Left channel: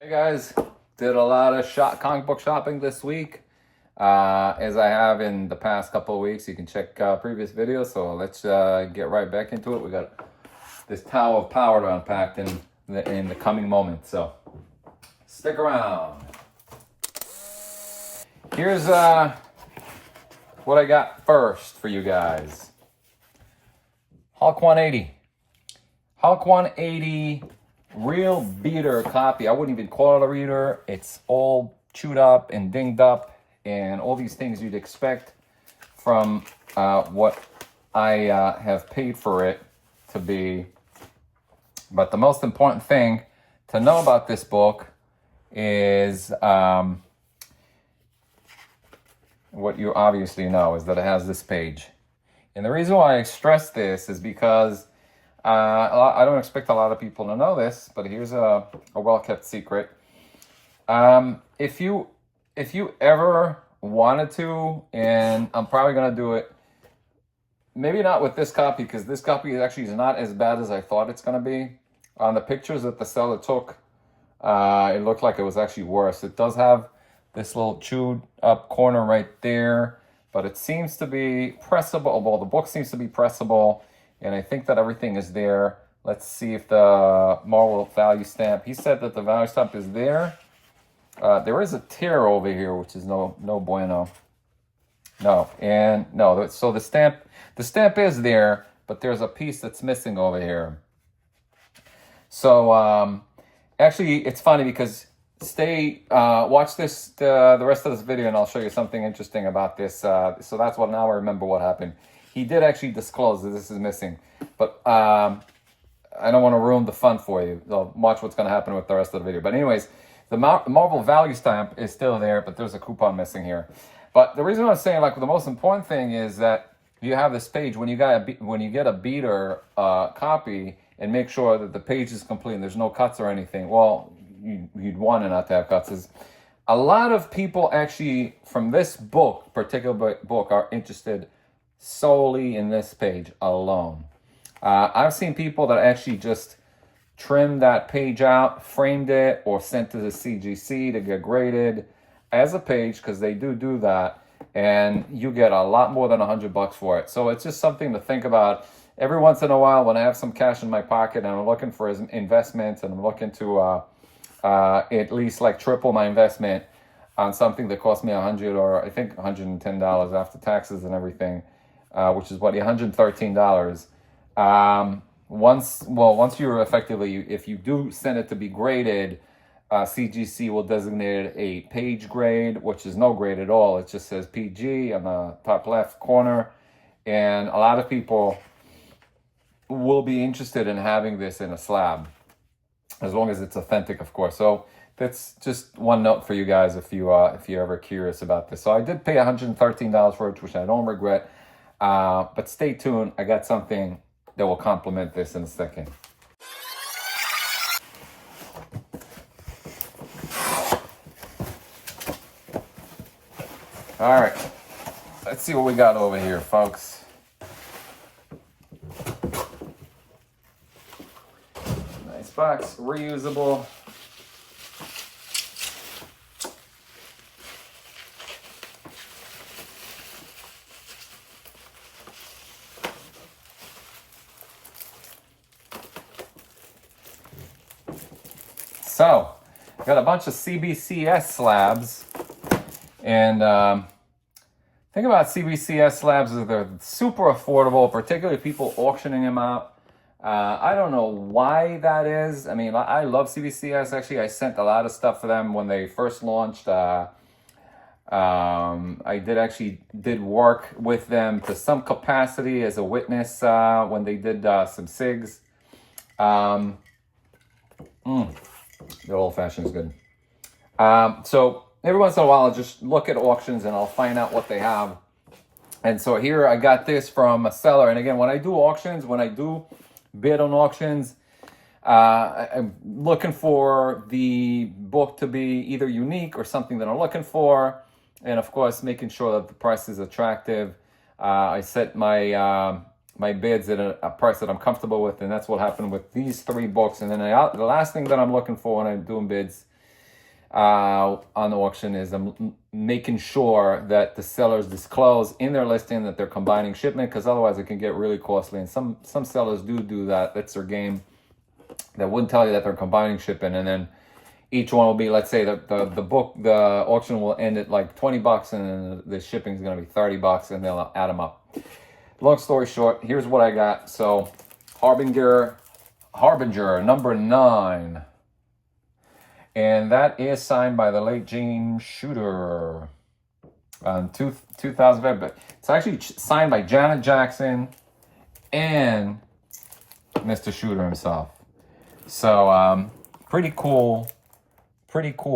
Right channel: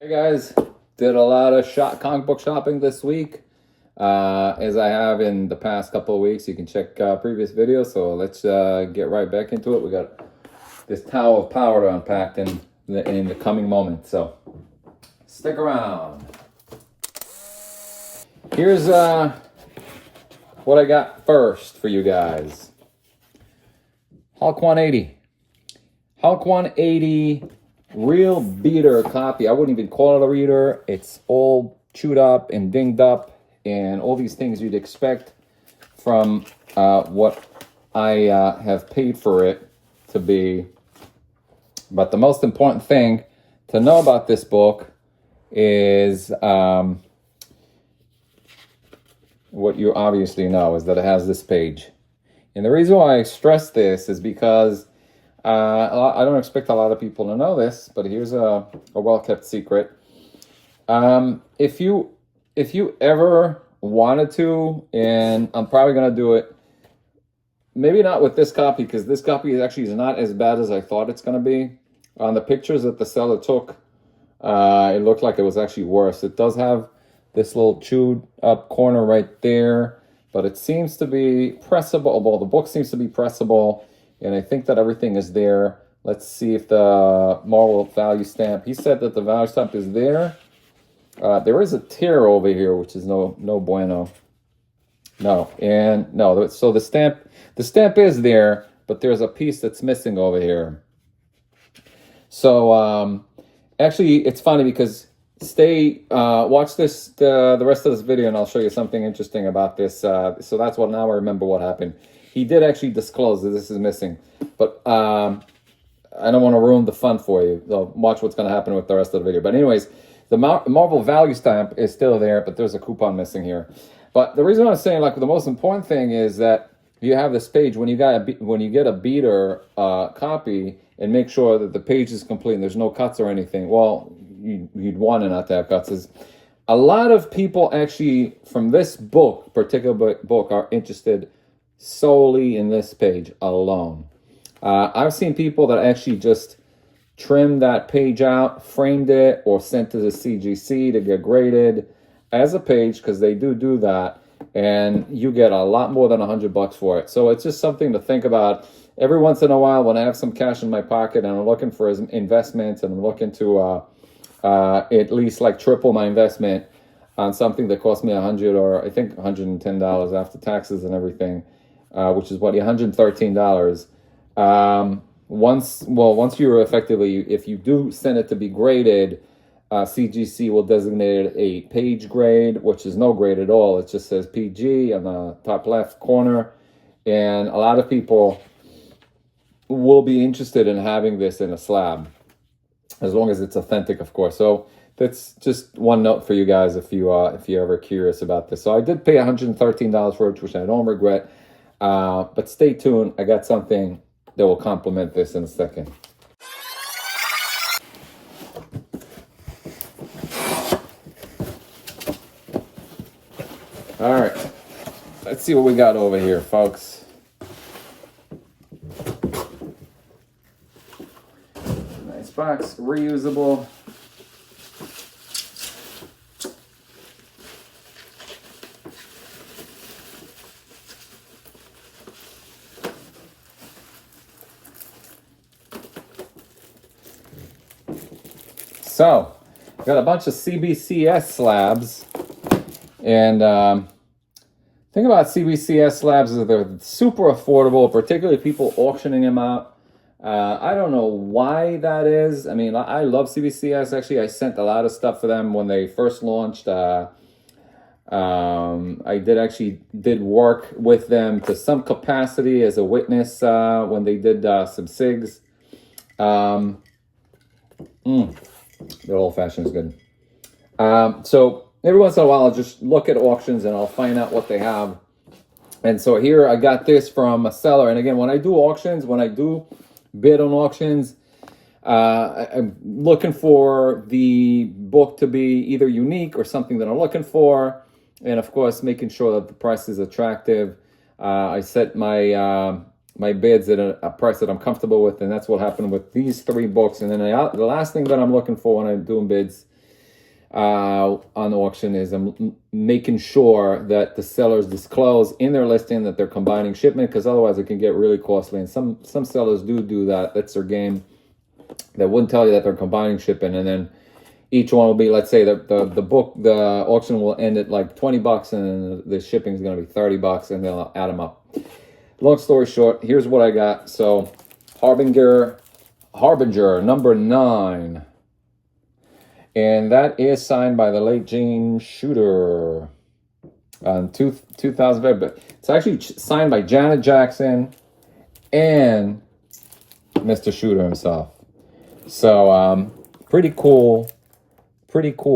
Hey guys, did a lot of comic book shopping this week, as I have in the past couple of weeks. You can check previous videos. So let's get right back into it. We got this Tower of Power to unpack in the coming moments. So stick around. Here's what I got first for you guys. Hulk 180. Hulk 180. Real beater copy. I wouldn't even call it a reader. It's all chewed up and dinged up and all these things you'd expect from what I have paid for it to be. But the most important thing to know about this book is what you obviously know is that it has this page. And the reason why I stress this is because I don't expect a lot of people to know this, but here's a well-kept secret. If you ever wanted to, and I'm probably gonna do it, maybe not with this copy, because this copy is not as bad as I thought it's gonna be. On the pictures that the seller took, it looked like it was actually worse. It does have this little chewed up corner right there, but it seems to be pressable. Well, the book seems to be pressable. And I think that everything is there. Let's see if the Marvel value stamp. He said that the value stamp is there. There is a tear over here, which is no bueno. No, and no. So the stamp is there, but there's a piece that's missing over here. So actually, it's funny because watch the rest of this video, and I'll show you something interesting about this. So that's what now I remember what happened. He did actually disclose that this is missing, but I don't want to ruin the fun for you. Watch what's going to happen with the rest of the video. But anyways, the Marvel value stamp is still there, but there's a coupon missing here. But the reason I'm saying, like, the most important thing is that you have this page when you get a beater copy, and make sure that the page is complete and there's no cuts or anything. Well, you'd want it not to have cuts. A lot of people actually from this particular book are interested solely in this page alone. I've seen people that actually just trimmed that page out, framed it, or sent to the CGC to get graded as a page, because they do that, and you get a lot more than $100 for it. So it's just something to think about. Every once in a while, when I have some cash in my pocket and I'm looking for investments, and I'm looking to at least like triple my investment on something that cost me $100 or I think $110 after taxes and everything, which is what, $113. Once you're effectively, if you do send it to be graded, CGC will designate a page grade, which is no grade at all. It just says PG on the top left corner, and a lot of people will be interested in having this in a slab, as long as it's authentic, of course. So that's just one note for you guys if you're ever curious about this. So I did pay $113 for it, which I don't regret. But stay tuned. I got something that will complement this in a second. All right, let's see what we got over here, folks. Nice box, reusable. So, got a bunch of CBCS slabs, and thing about CBCS slabs is they're super affordable, particularly people auctioning them out. I don't know why that is. I mean, I love CBCS. Actually, I sent a lot of stuff for them when they first launched. I did work with them to some capacity as a witness when they did some SIGs. The old fashioned is good. So every once in a while, I'll just look at auctions and I'll find out what they have. And so here I got this from a seller. And again, when I do auctions, when I do bid on auctions, I'm looking for the book to be either unique or something that I'm looking for. And of course, making sure that the price is attractive. I set my my bids at a price that I'm comfortable with, and that's what happened with these three books. And then the last thing that I'm looking for when I'm doing bids on auction is I'm making sure that the sellers disclose in their listing that they're combining shipment, because otherwise it can get really costly. And some sellers do that. That's their game. They wouldn't tell you that they're combining shipping, and then each one will be, let's say the auction will end at like $20, and then the shipping is going to be $30, and they'll add them up. Long story short, here's what I got. So Harbinger number 9. And that is signed by the late James Shooter on 2005. But it's actually signed by Janet Jackson and Mr. Shooter himself. So pretty cool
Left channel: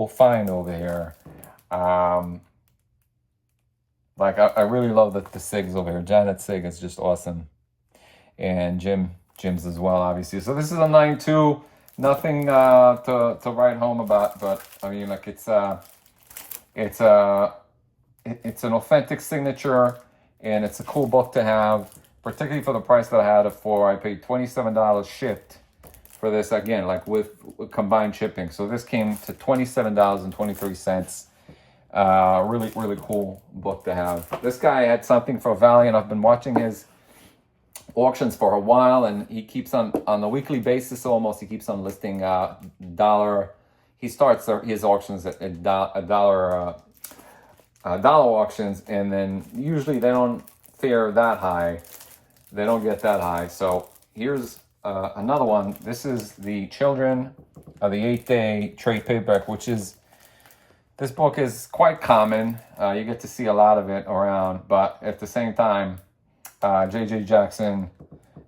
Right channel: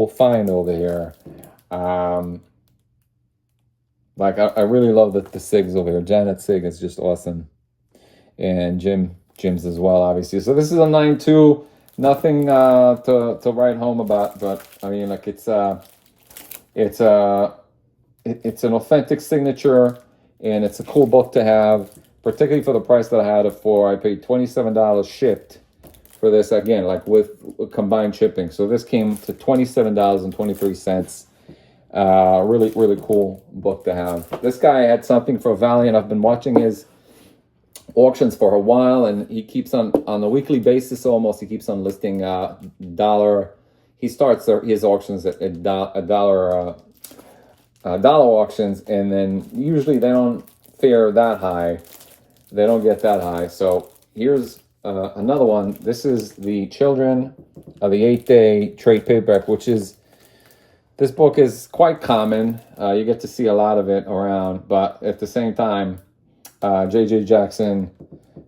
find over here. Like I really love the SIGs over here. Janet's SIG is just awesome, and Jim's as well, obviously. So this is a 9.2. Nothing to write home about, but I mean, like it's an authentic signature, and it's a cool book to have, particularly for the price that I had it for. I paid $27 shipped for this, again, like with combined shipping. So this came to $27.23. Really cool book to have. This guy had something for Valiant. I've been watching his auctions for a while, and he keeps on a weekly basis almost. He keeps on listing dollar. He starts his auctions at dollar auctions, and then usually they don't fare that high. They don't get that high. So here's another one. This is the Children of the 8th Day trade paperback, which is, this book is quite common. You get to see a lot of it around, but at the same time, J.J. Jackson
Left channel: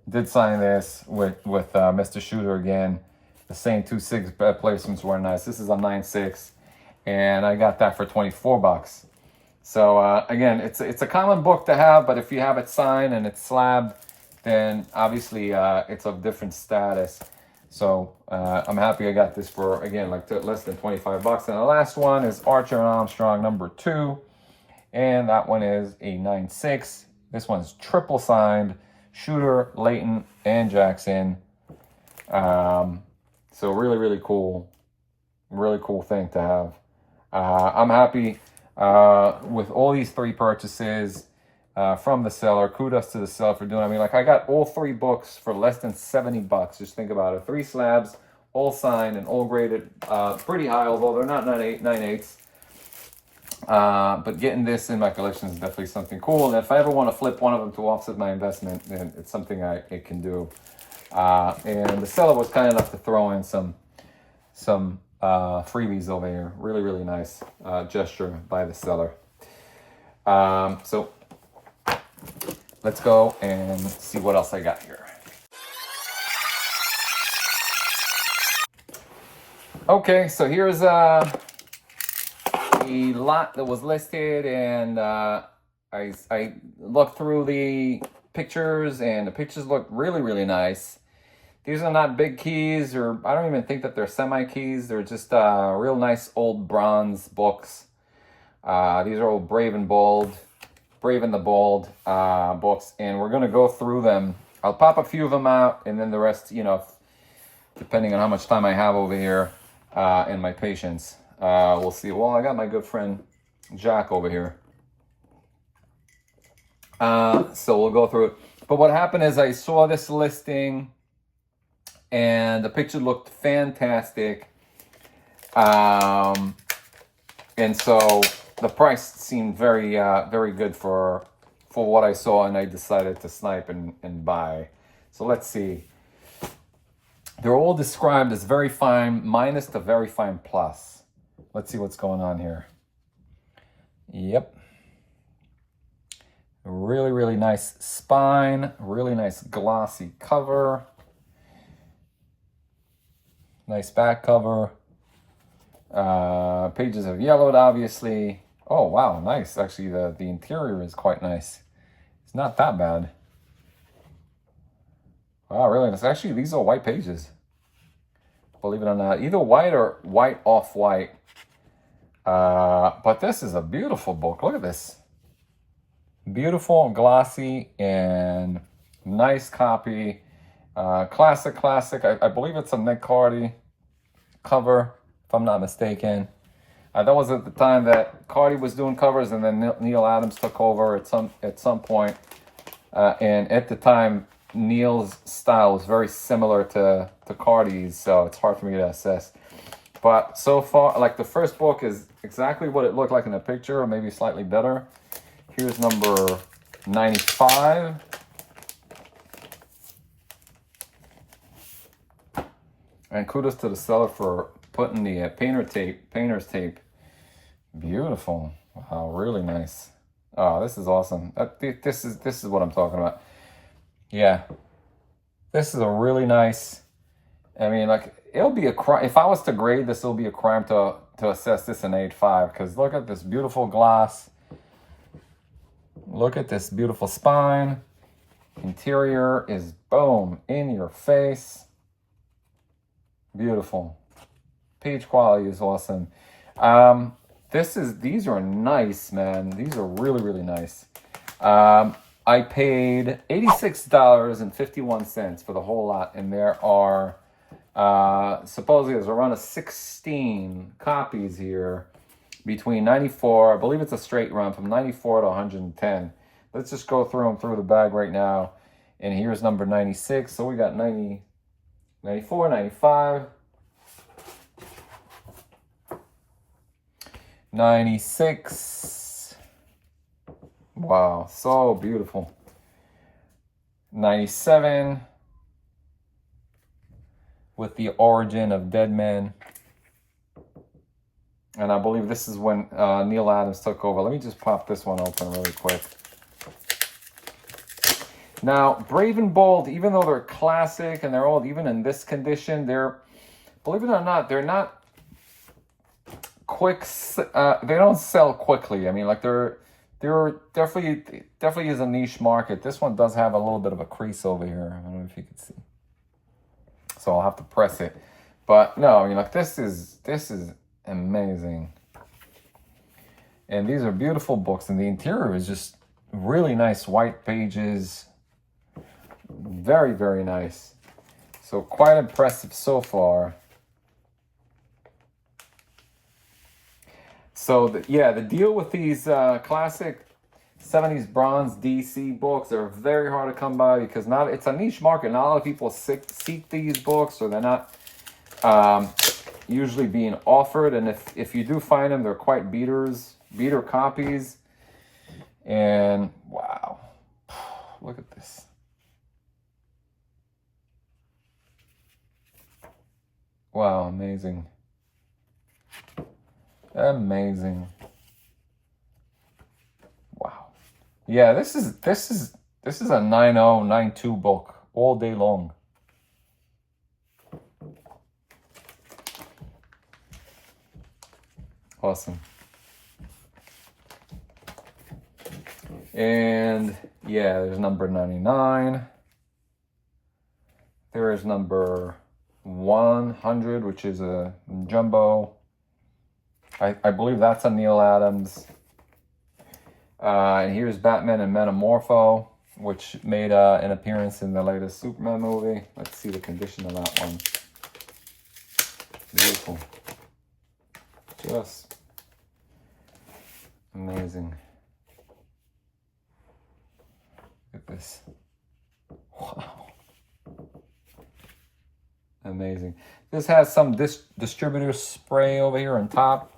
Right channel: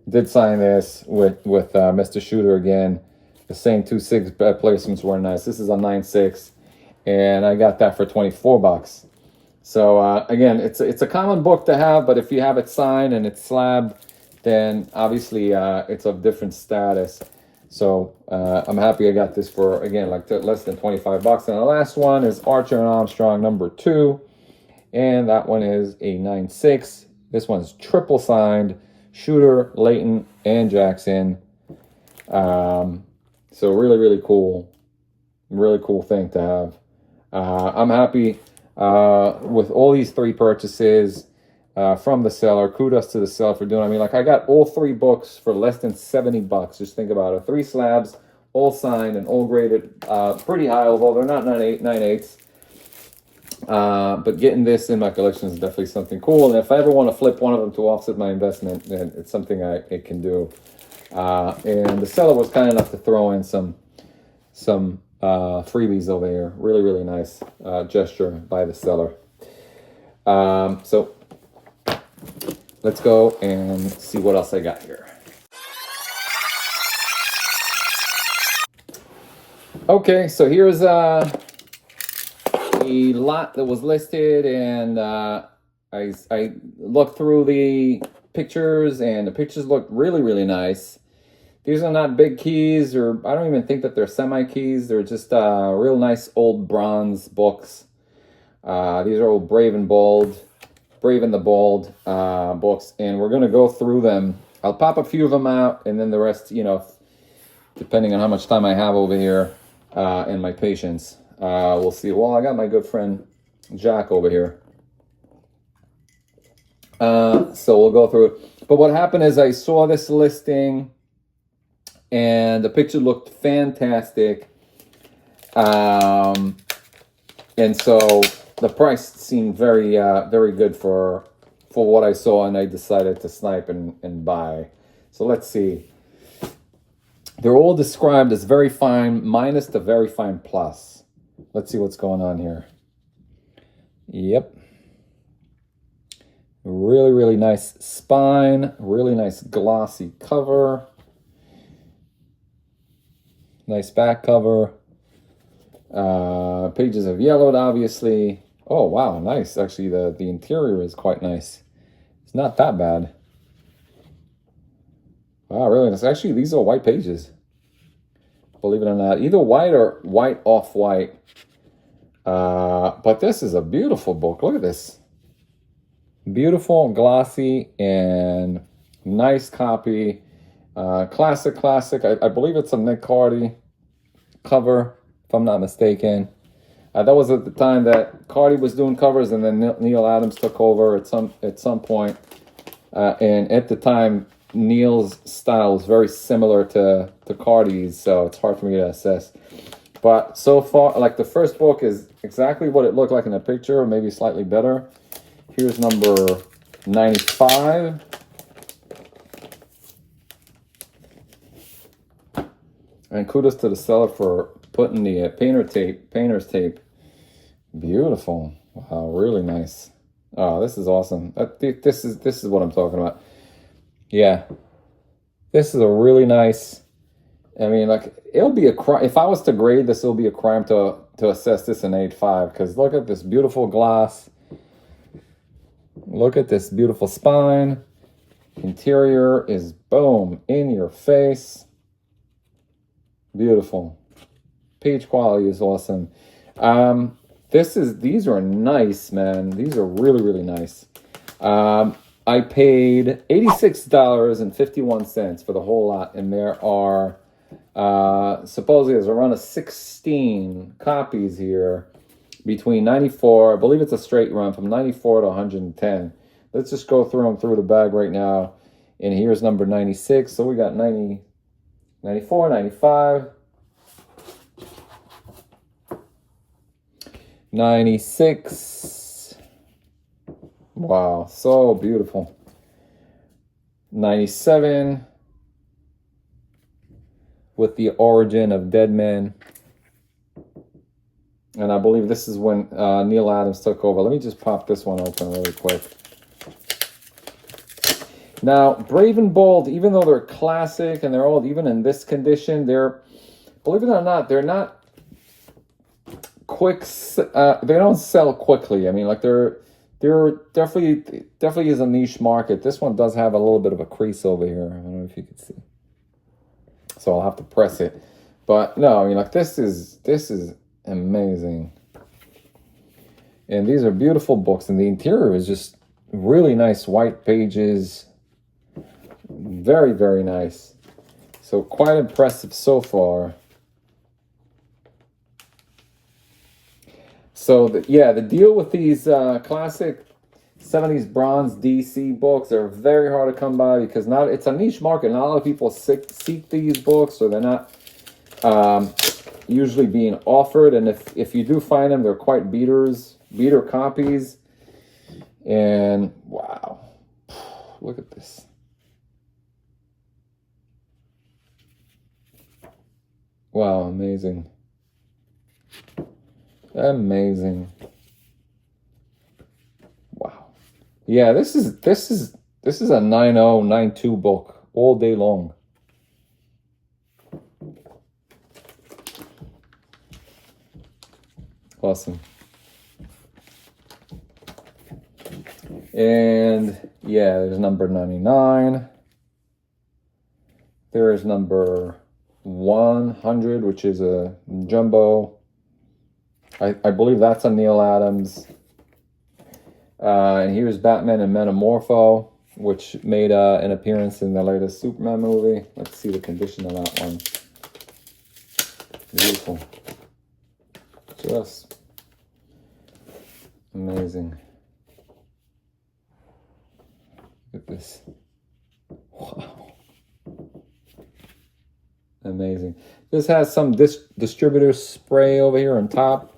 did sign this with Mr. Shooter again. The same 2 SIG placements were nice. This is a 9.6, and I got that for $24. So again, it's a common book to have, but if you have it signed and it's slabbed, then obviously it's of different status. So I'm happy I got this for, again, like less than $25. And the last one is Archer and Armstrong number 2, and that one is a 9.6. This one's triple signed, Shooter, Layton, and Jackson. So really cool thing to have. I'm happy with all these 3 purchases from the seller. Kudos to the seller for doing it. I mean, like, I got all 3 books for less than $70. Just think about it. 3 slabs, all signed and all graded pretty high, although they're not 9.8s. But getting this in my collection is definitely something cool. And if I ever want to flip one of them to offset my investment, then it's something I can do. And the seller was kind enough to throw in some freebies over here. Really nice gesture by the seller. So let's go and see what else I got here. Okay, so here's a lot that was listed, and I looked through the pictures, and the pictures look really nice. These are not big keys, or I don't even think that they're semi keys. They're just real nice old bronze books. These are old Brave and the Bold books, and we're gonna go through them. I'll pop a few of them out, and then the rest, you know, depending on how much time I have over here and my patience. We'll see. Well, I got my good friend Jack over here. So we'll go through it. But what happened is I saw this listing, and the picture looked fantastic. And so the price seemed very good for what I saw, and I decided to snipe and buy. So let's see. They're all described as very fine minus the very fine plus. Let's see what's going on here. Yep. Really nice spine. Really nice glossy cover. Nice back cover. Pages have yellowed, obviously. Oh, wow, nice. Actually, the interior is quite nice. It's not that bad. Wow, really nice. Actually, these are white pages. Believe it or not. Either white or white off-white. But this is a beautiful book. Look at this. Beautiful and glossy and nice copy. Classic. I believe it's a Nick Cardy cover, if I'm not mistaken. That was at the time that Cardi was doing covers, and then Neil Adams took over at some point. And at the time, Neil's style was very similar to Cardi's, so it's hard for me to assess. But so far, like the first book is exactly what it looked like in the picture, or maybe slightly better. Here's number 95. And kudos to the seller for putting the painter's tape. Beautiful. Wow, really nice. Oh, this is awesome. This is what I'm talking about. Yeah. This is a really nice, I mean, like, it'll be a crime. If I was to grade this, it'll be a crime to assess this an 8.5, because look at this beautiful gloss. Look at this beautiful spine. Interior is, boom, in your face. Beautiful. Page quality is awesome. These are nice, man. These are really, really nice. I paid $86.51 for the whole lot, and there are supposedly there's a run of 16 copies here between 94, I believe it's a straight run from 94 to 110. Let's just go through them through the bag right now. And here's number 96. So we got 90, 94, 95, 96. Wow, so beautiful. 97 with the origin of Dead Man. And I believe this is when Neil Adams took over. Let me just pop this one open really quick. Now, Brave and Bold, even though they're classic and they're old, even in this condition, they're, believe it or not, they're not quick. They don't sell quickly. I mean, like they're definitely is a niche market. This one does have a little bit of a crease over here. I don't know if you can see. So I'll have to press it. But no, I mean, like this is amazing. And these are beautiful books, and the interior is just really nice white pages. Very, very nice. So quite impressive so far. So the deal with these classic 70s bronze DC books are very hard to come by, because it's a niche market. Not a lot of people seek these books, or they're not usually being offered. And if you do find them, they're quite beater copies. And wow, look at this. Wow, amazing. Amazing. Wow. Yeah, this is a 9092 book all day long. Awesome. And yeah, there's number 99. There is number 100, which is a jumbo. I believe that's a Neil Adams. And here's Batman and Metamorpho, which made an appearance in the latest Superman movie. Let's see the condition of that one. Beautiful. Just amazing. Look at this. Wow. Amazing. This has some distributor spray over here on top,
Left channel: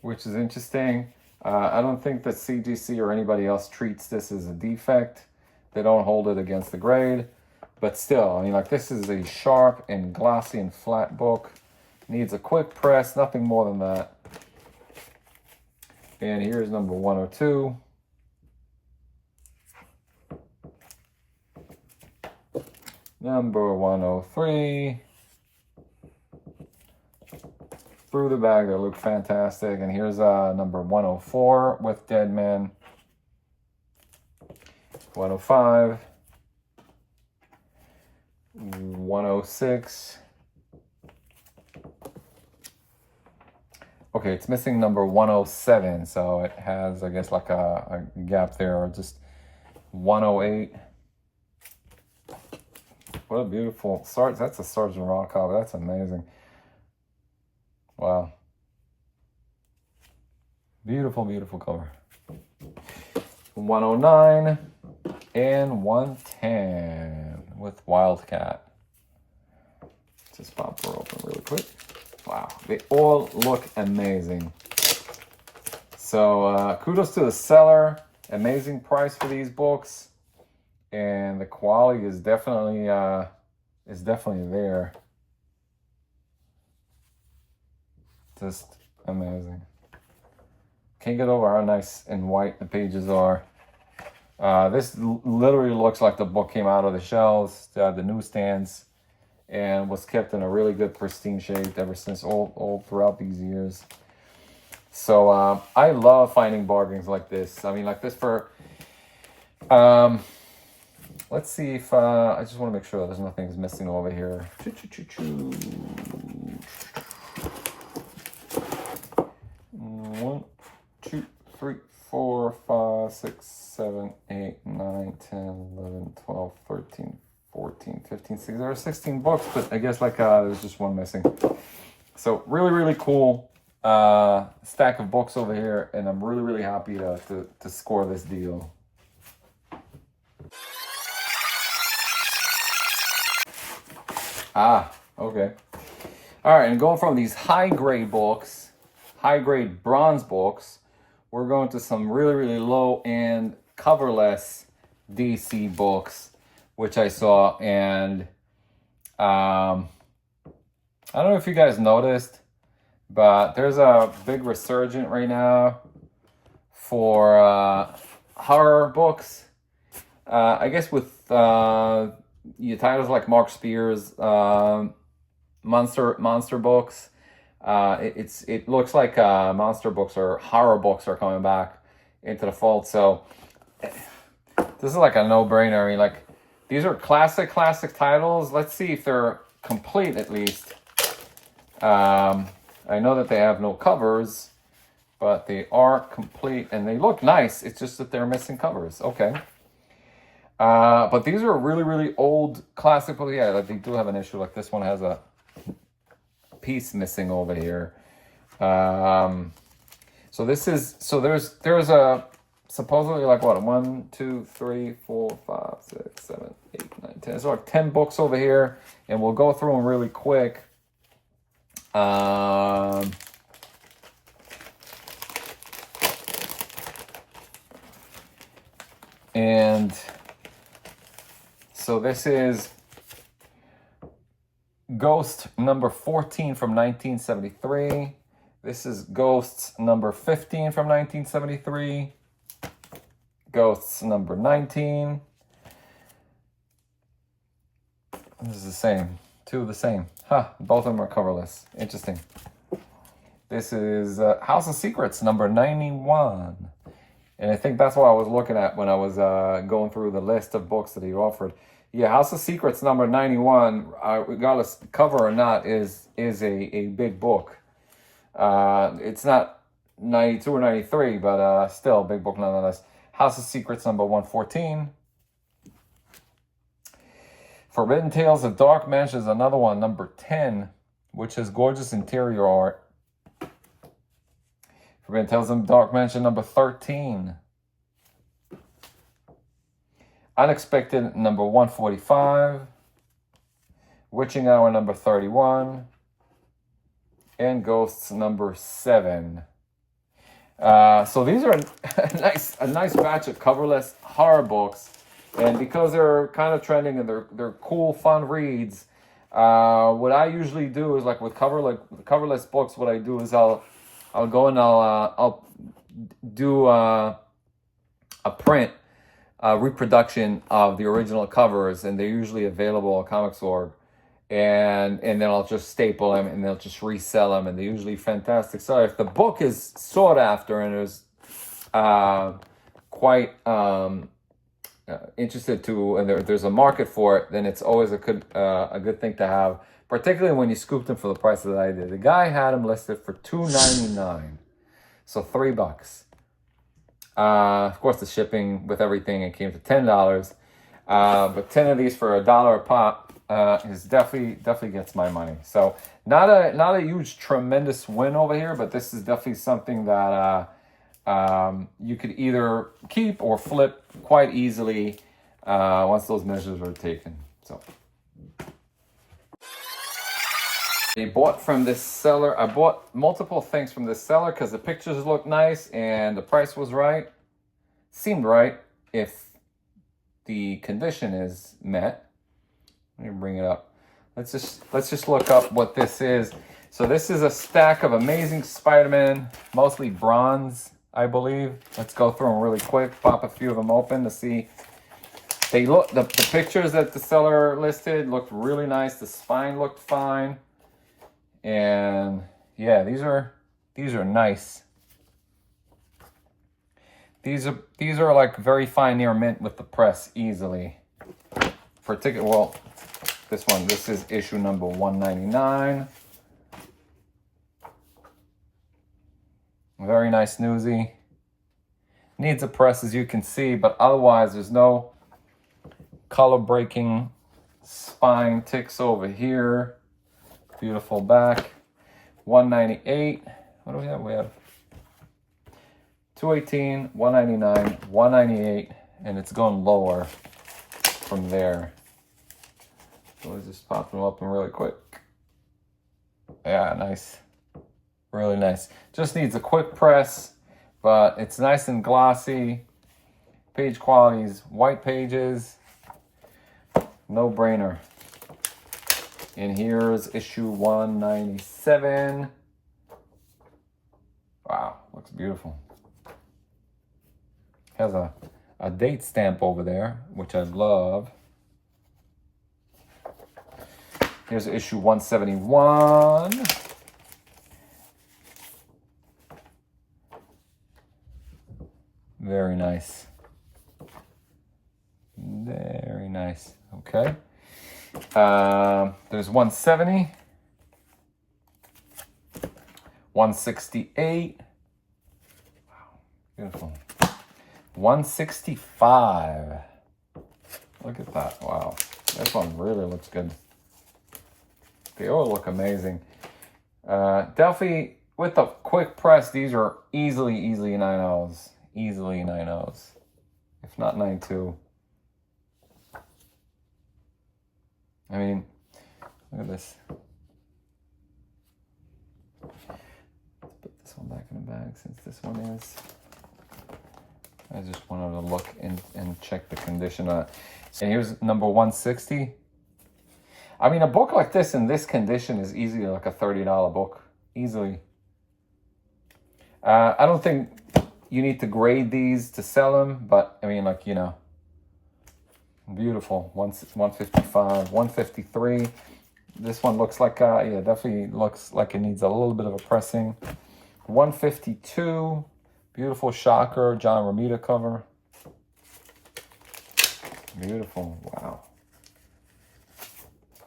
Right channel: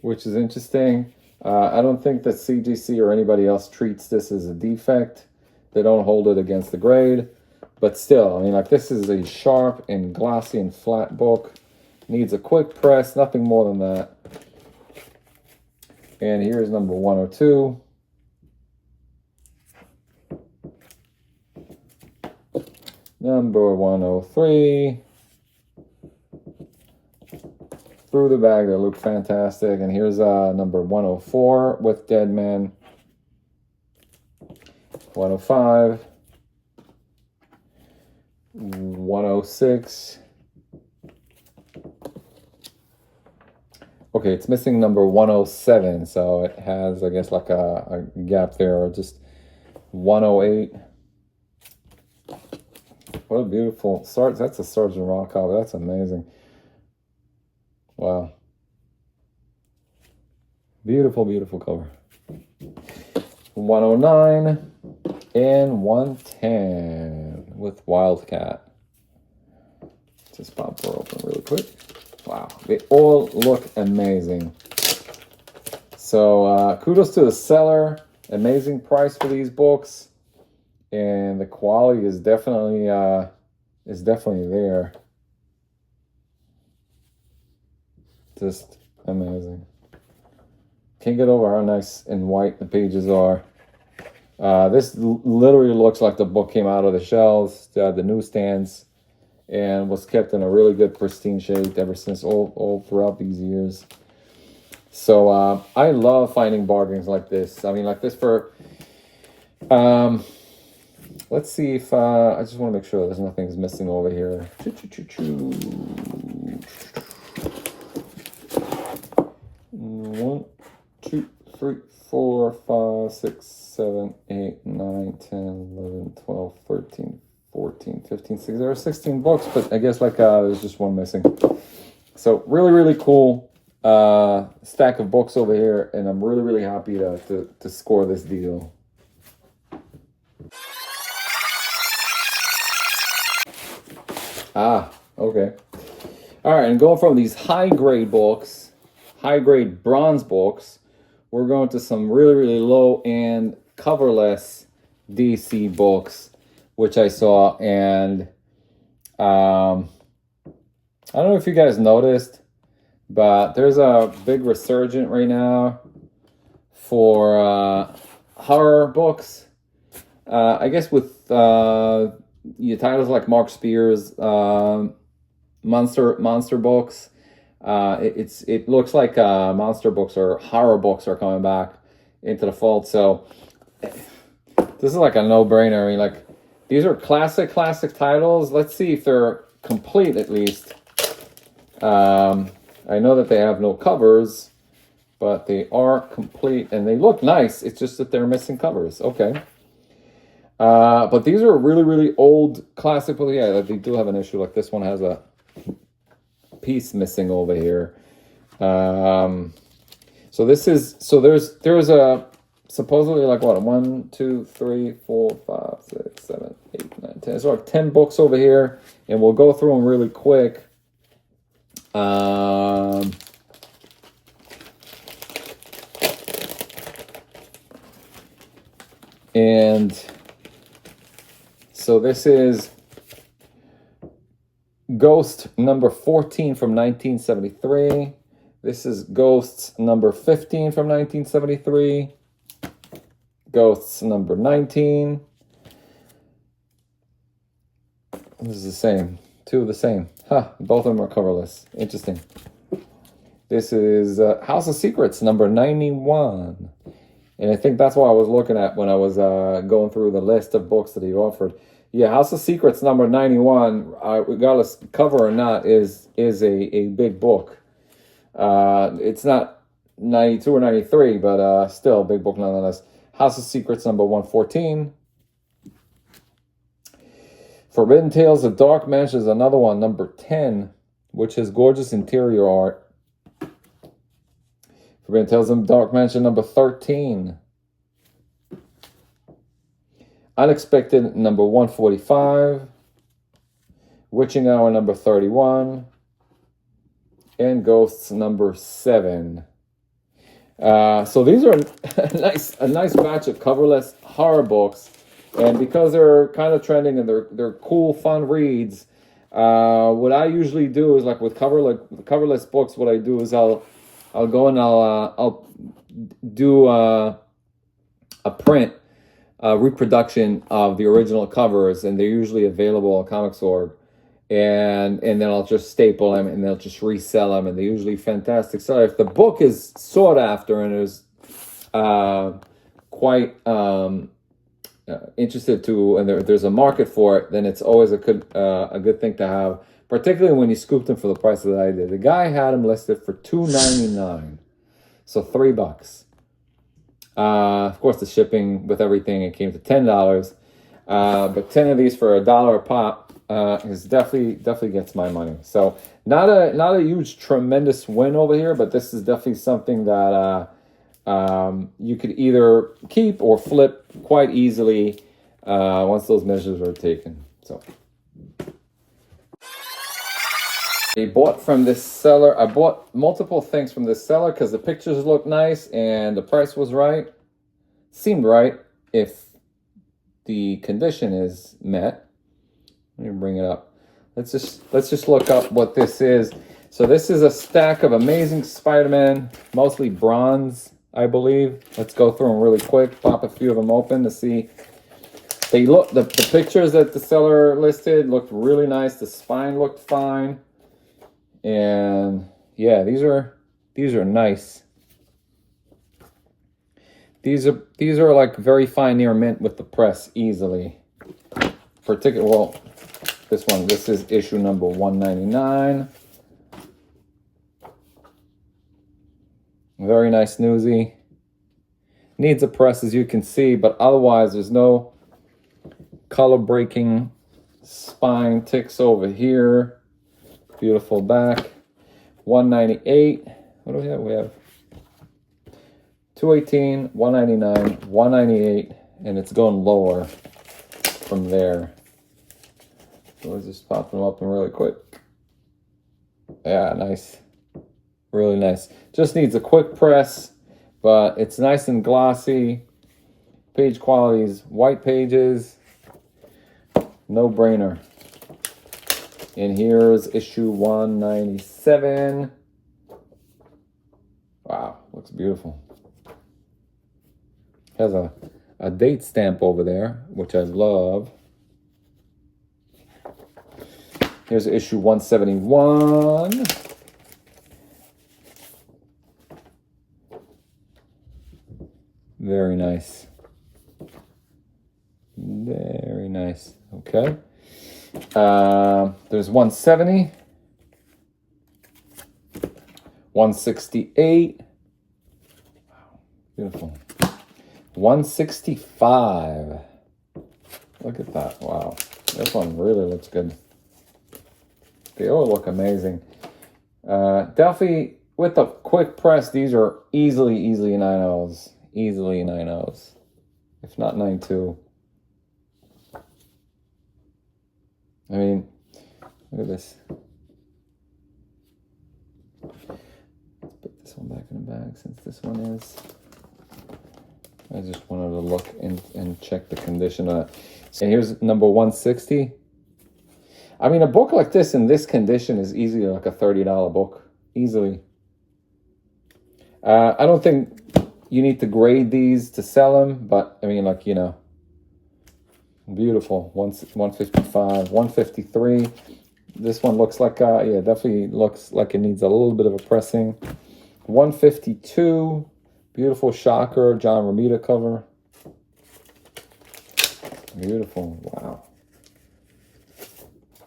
which is interesting. I don't think that CGC or anybody else treats this as a defect. They don't hold it against the grade. But still, I mean, like, this is a sharp and glossy and flat book. Needs a quick press, nothing more than that. And here's number 102. Number 103. Through the bag, they look fantastic. And here's number 104 with Dead Man. 105. 106. Okay, it's missing number 107, so it has, I guess, like a gap there, or just 108. What a beautiful, that's a Sergeant Rock cover. That's amazing. Wow. Beautiful, beautiful cover. 109 and 110 with Wildcat. Just pop her open really quick. Wow, they all look amazing. So kudos to the seller. Amazing price for these books, and the quality is definitely there. Just amazing. Can't get over how nice and white the pages are. This literally looks like the book came out of the shelves, the newsstands, and was kept in a really good pristine shape ever since all throughout these years. So I love finding bargains like this. I mean, like this for let's see if I just want to make sure there's nothing's missing over here. 1, 2, 3, 4, 5, 6, 7, 8, 9, 10, 11, 12, 13, 14, 15, 16. There are 16 books, but I guess like there's just one missing. So really, really cool stack of books over here, and I'm really, really happy to score this deal. Okay. All right, and going from these high-grade books, high-grade bronze books, we're going to some really, really low-end coverless DC books, which I saw, and I don't know if you guys noticed, but there's a big resurgence right now for horror books. I guess with your titles like Mark Spears, monster books. It looks like monster books or horror books are coming back into the fold. So this is like a no-brainer. I mean, like, these are classic titles. Let's see if they're complete at least. I know that they have no covers, but they are complete and they look nice. It's just that they're missing covers. Okay. But these are really, really old classic books. Yeah, they do have an issue. Like this one has a piece missing over here. So there's a supposedly like what, 1, 2, 3, 4, 5, 6, 7, 8, 9, 10. So like 10 books over here, and we'll go through them really quick. And so this is Ghost number 14 from 1973. This is Ghosts number 15 from 1973. Ghosts number 19. This is the same. Two of the same. Huh, both of them are coverless. Interesting. This is House of Secrets number 91. And I think that's what I was looking at when I was going through the list of books that he offered. Yeah, House of Secrets number 91, regardless cover or not, is a big book. It's not 92 or 93, but still a big book nonetheless. House of Secrets number 114. Forbidden Tales of Dark Mansion is another one, number 10, which is gorgeous interior art. Forbidden Tales of Dark Mansion number 13. Unexpected number 145. Witching Hour number 31. And Ghosts number 7. So these are a nice batch of coverless horror books. And because they're kind of trending and they're cool, fun reads, what I usually do is, like with coverless books, what I do is I'll go and I'll do a print reproduction of the original covers, and they're usually available on Comixorg, and then I'll just staple them and they'll just resell them, and they're usually fantastic. So if the book is sought after and is quite interested to, and there's a market for it, then it's always a good thing to have, particularly when you scooped them for the price that I did. The guy had them listed for $2.99, so $3. Of course, the shipping with everything, it came to $10. But 10 of these for $1 a pop is definitely gets my money. So not a huge tremendous win over here, but this is definitely something that you could either keep or flip quite easily once those measures are taken. So I bought from this seller. I bought multiple things from this seller because the pictures looked nice and the price was right. Seemed right if the condition is met. Let me bring it up. Let's just look up what this is. So this is a stack of Amazing Spider-Man, mostly bronze, I believe. Let's go through them really quick. Pop a few of them open to see. They look, the pictures that the seller listed looked really nice. The spine looked fine. And yeah, these are nice. These are like very fine near mint with the press easily. Well, this is issue number 199. Very nice newsy. Needs a press, as you can see, but otherwise there's no color breaking spine ticks over here. Beautiful back. 198. What do we have? We have 218, 199, 198, and it's going lower from there. So let's just pop them open really quick. Yeah, nice. Really nice. Just needs a quick press, but it's nice and glossy. Page quality is white pages. No brainer. And here's issue 197. Wow, looks beautiful. Has a date stamp over there, which I love. Here's issue 171. Very nice. Very nice. Okay. There's 170. 168. Wow. Beautiful. 165. Look at that. Wow. This one really looks good. They all look amazing. Definitely with a quick press, these are easily 9Os. Easily 9Os. If not 9.2. I mean, look at this. Let's put this one back in the bag since this one is. I just wanted to look and check the condition on it. And here's number 160. I mean, a book like this in this condition is easily like a $30 book. Easily. I don't think you need to grade these to sell them, but I mean, like, you know, beautiful. 155, 153. This one looks like, yeah, definitely looks like it needs a little bit of a pressing. 152. Beautiful Shocker, John Romita cover. Beautiful. Wow.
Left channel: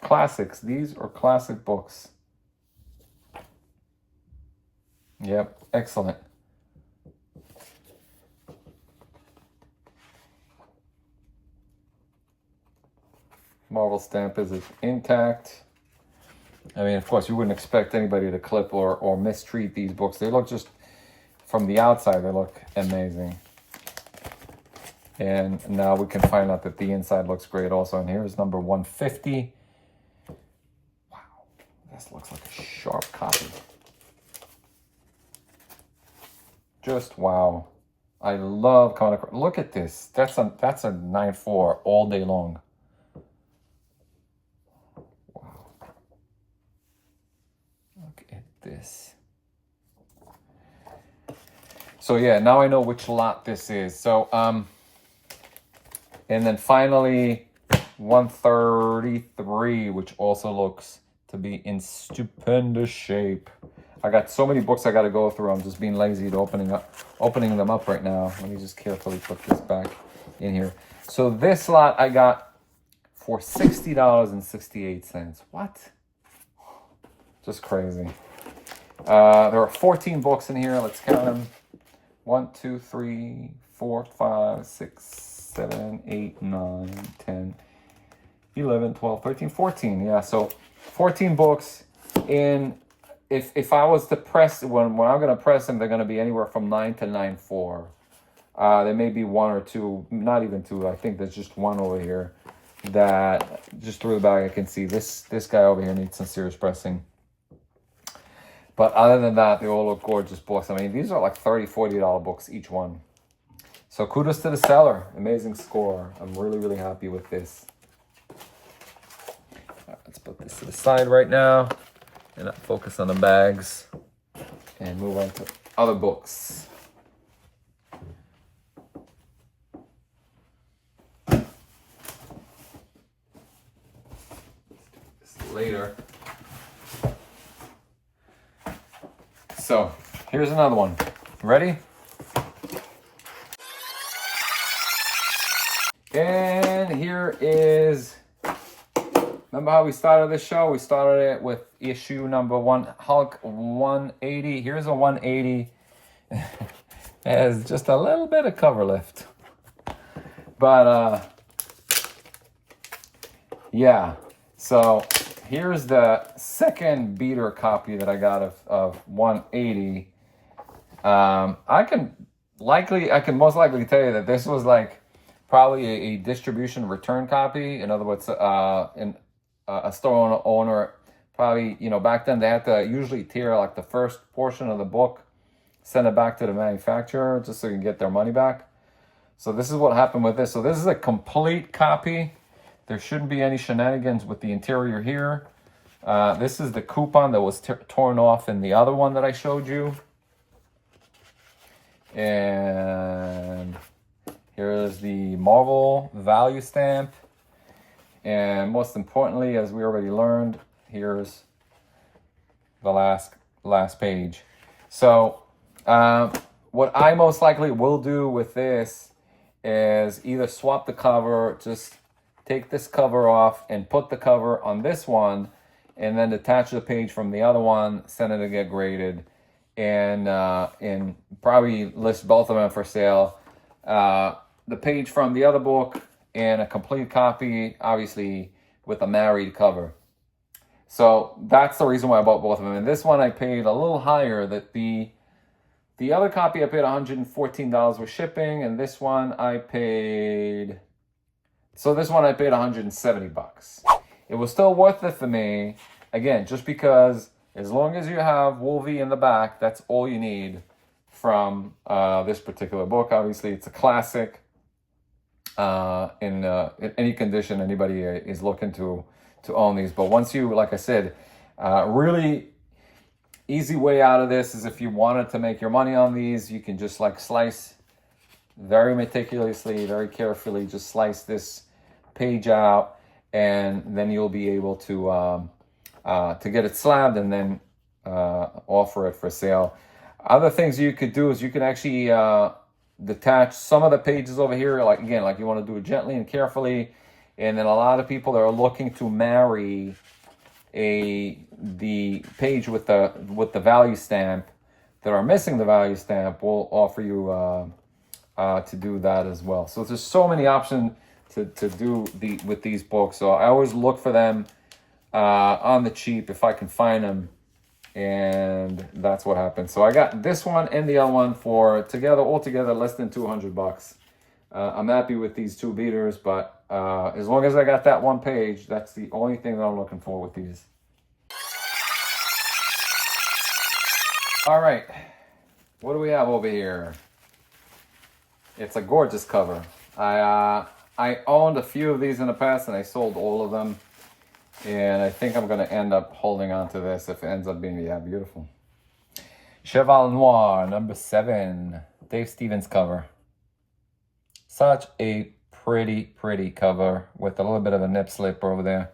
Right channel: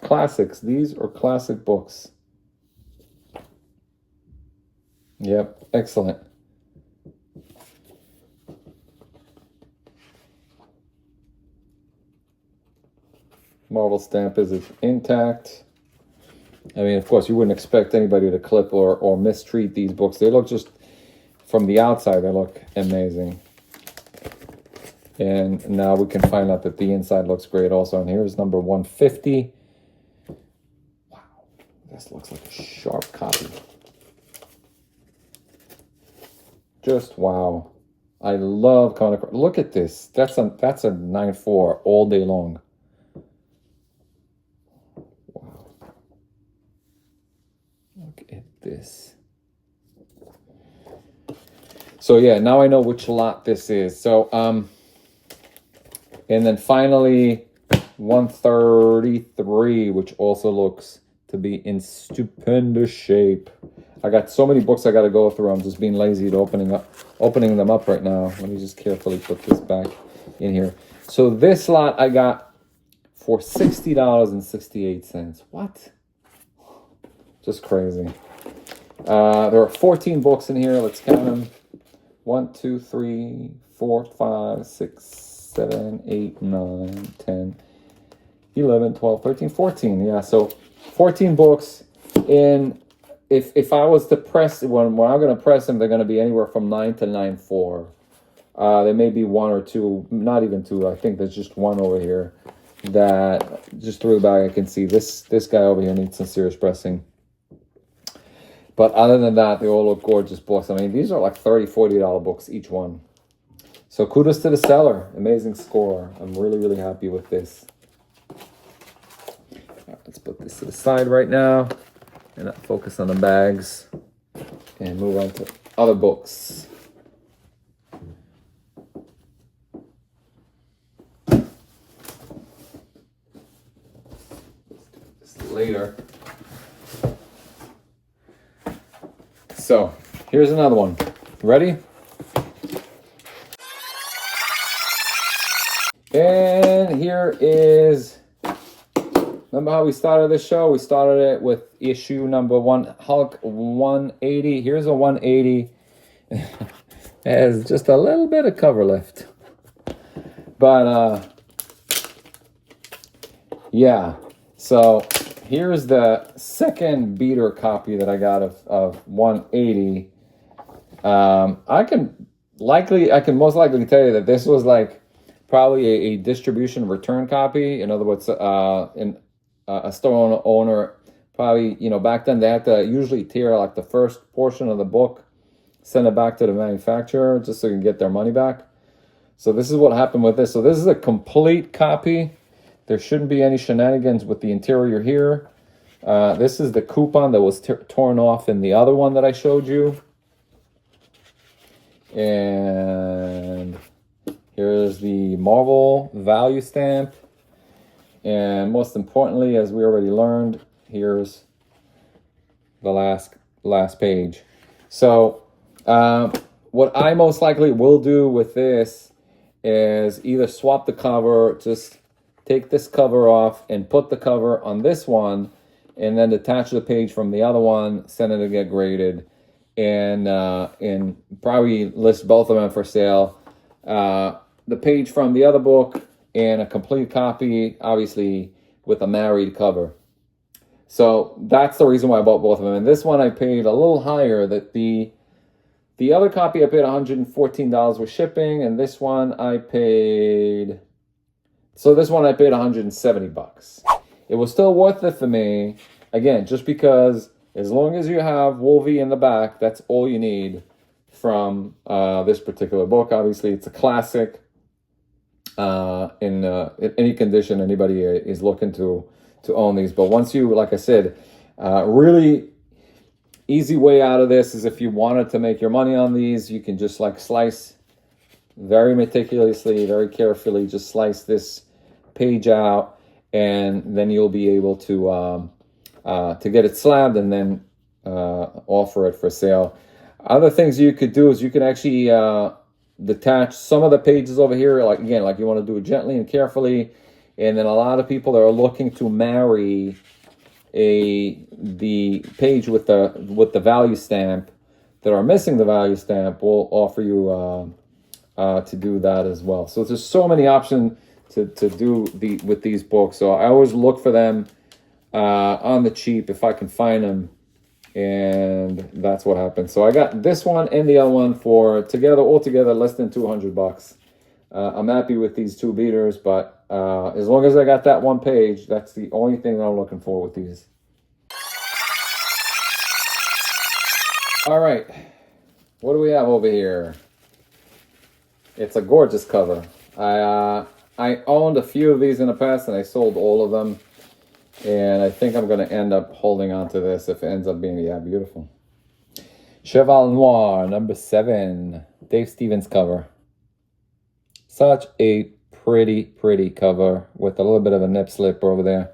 Classics. These are classic books. Yep. Excellent. Marvel stamp is intact. I mean, of course, you wouldn't expect anybody to clip or mistreat these books. They look just, from the outside, they look amazing. And now we can find out that the inside looks great also. And here's number 150. Wow, this looks like a sharp copy. Just wow. I love comic. Look at this. That's a 9.4 all day long. Wow. Look at this. So yeah, now I know which lot this is. So and then finally 133, which also looks to be in stupendous shape. I got so many books I got to go through. I'm just being lazy to opening them up right now. Let me just carefully put this back in here. So this lot I got for $60.68. What? Just crazy. There are 14 books in here. Let's count them. 1, 2, 3, 4, 5, 6, 7, 8, 9, 10, 11, 12, 13, 14. Yeah, so 14 books in if I was to press when I'm gonna press them, they're gonna be anywhere from 9 to 9.4. There may be one or two, not even two. I think there's just one over here that just through the bag I can see this guy over here needs some serious pressing. But other than that, they all look gorgeous books. I mean, these are like $30-$40 books each one. So kudos to the seller. Amazing score. I'm really happy with this. Let's put this to the side right now and focus on the bags and move on to other books. Later. So here's another one. Ready? And here is, remember how we started this show? We started it with issue number 1, Hulk 180. Here's a 180. It has just a little bit of cover left. But yeah. So here's the second beater copy that I got of 180. I can most likely tell you that this was like probably a distribution return copy. In other words, in a store owner probably, you know, back then they had to usually tear like the first portion of the book, send it back to the manufacturer just so you can get their money back. So this is what happened with this. So this is a complete copy. There shouldn't be any shenanigans with the interior here. This is the coupon that was torn off in the other one that I showed you. And here's the Marvel value stamp. And most importantly, as we already learned, here's the last page. So what I most likely will do with this is either swap the cover, just take this cover off and put the cover on this one, and then detach the page from the other one, send it to get graded, and probably list both of them for sale. The page from the other book and a complete copy, obviously with a married cover. So that's the reason why I bought both of them. And this one I paid a little higher. That the other copy I paid $114 with shipping, and this one I paid. So this one I paid $170. It was still worth it for me. Again, just because as long as you have Wolvie in the back, that's all you need from this particular book. Obviously, it's a classic. In any condition, anybody is looking to own these. But once you, like I said, really easy way out of this is if you wanted to make your money on these, you can just like slice very meticulously, very carefully, just slice this page out, and then you'll be able to get it slabbed and then offer it for sale. Other things you could do is you can actually detach some of the pages over here, like again, like you want to do it gently and carefully. And then a lot of people that are looking to marry the page with the value stamp, that are missing the value stamp, will offer you to do that as well. So there's so many options to do with these books. So I always look for them on the cheap if I can find them, and that's what happened. So I got this one and the other one for altogether less than $200. I'm happy with these two beaters, but as long as I got that one page, that's the only thing that I'm looking for with these. All right, what do we have over here? It's a gorgeous cover. I owned a few of these in the past, and I sold all of them. And I think I'm going to end up holding on to this if it ends up being, yeah, beautiful. Cheval Noir, number 7. Dave Stevens cover. Such a pretty cover with a little bit of a nip slip over there.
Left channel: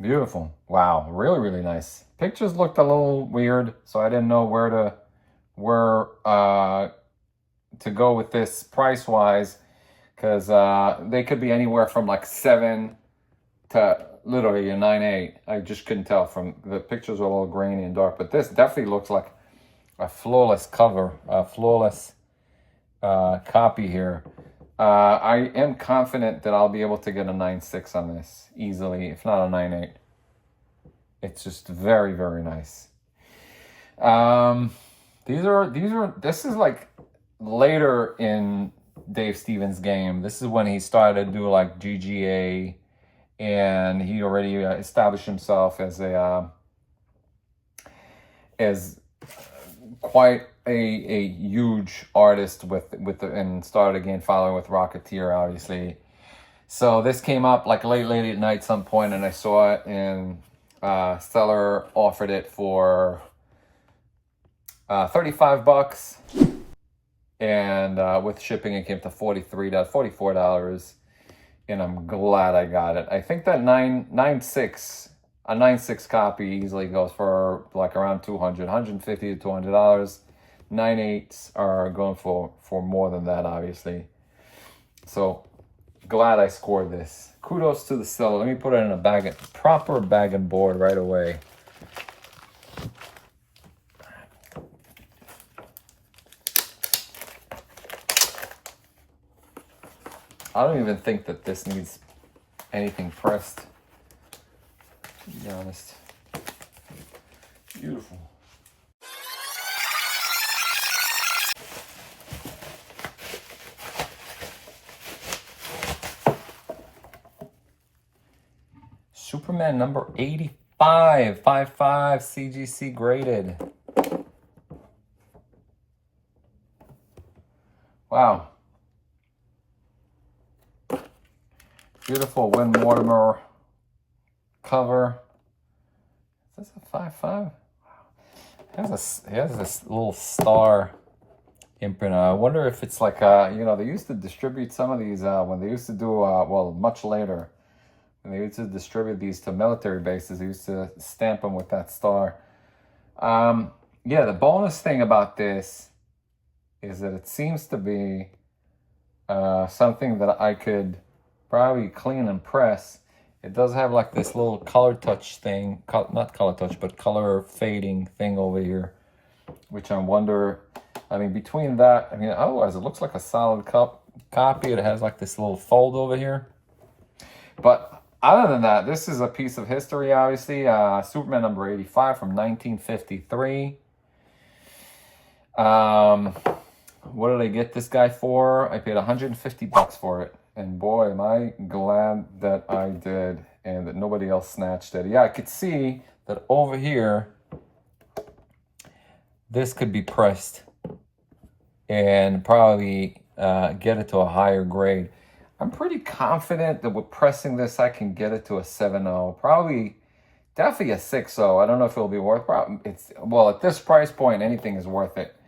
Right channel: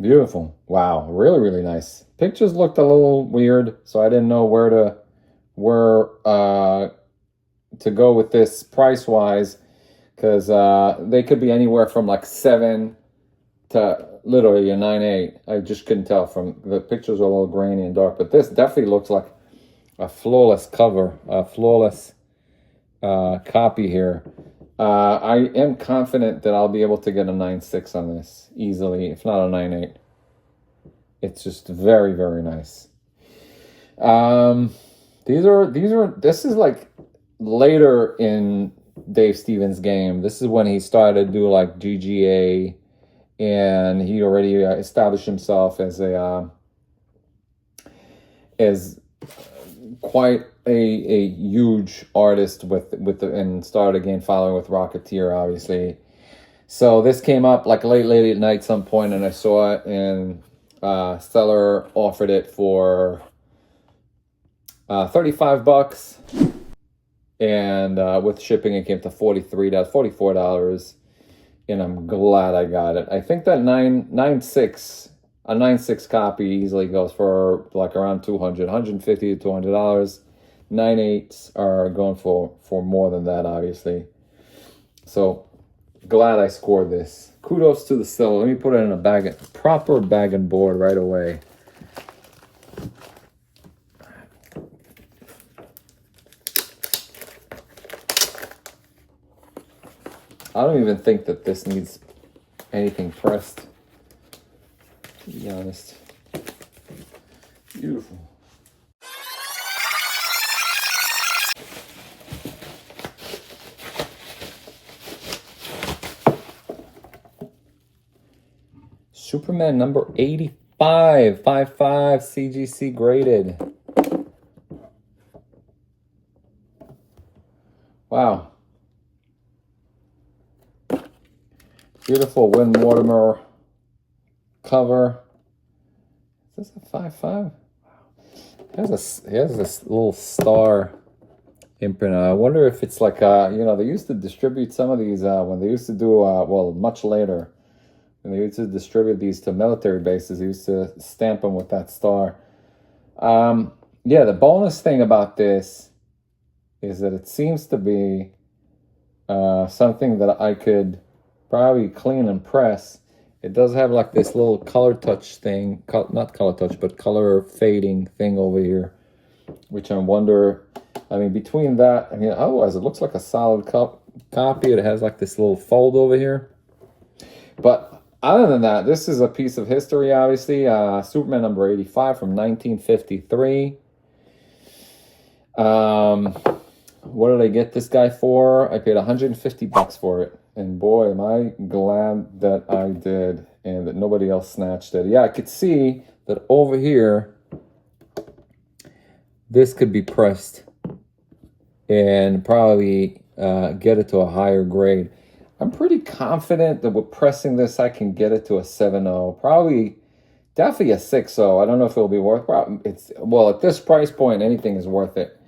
Beautiful. Wow, really nice. Pictures looked a little weird, so I didn't know where to go with this price-wise, because they could be anywhere from like 7 to literally a 9.8. I just couldn't tell. From the pictures are a little grainy and dark, but this definitely looks like a flawless cover, a flawless copy here. I am confident that I'll be able to get a 9.6 on this easily, if not a 9.8. It's just very, very nice. This is like later in Dave Stevens' game. This is when he started to do like GGA, and he already established himself as quite a huge artist and started again following with Rocketeer, obviously. So this came up like late at night some point, and I saw it, and seller offered it for $35, and with shipping it came to $44, and I'm glad I got it. I think that 9.6 copy easily goes for like around $150 to $200. 9.8s are going for more than that, obviously. So glad I scored this. Kudos to the seller. Let me put it in a proper bag and board right away. I don't even think that this needs anything pressed, to be honest. Beautiful. Superman number 85, 55 CGC graded. Wow. Beautiful Win Mortimer cover. Is this a 5.5? He has this little star imprint. I wonder if it's like they used to distribute some of these when they used to do well, much later. When they used to distribute these to military bases, they used to stamp them with that star. Yeah, the bonus thing about this is that it seems to be something that I could probably clean and press. It does have like this little color touch thing, not color touch, but color fading thing over here, which I wonder, I mean, between that, I mean, otherwise it looks like a solid copy. It has like this little fold over here. But other than that, this is a piece of history, obviously. Superman number 85 from 1953. What did I get this guy for? I paid $150 for it. And boy, am I glad that I did and that nobody else snatched it. Yeah, I could see that over here, this could be pressed and probably get it to a higher grade. I'm pretty confident that with pressing this, I can get it to a 7.0. Probably, definitely a 6.0. I don't know if it'll be worth it. Well, at this price point, anything is worth it.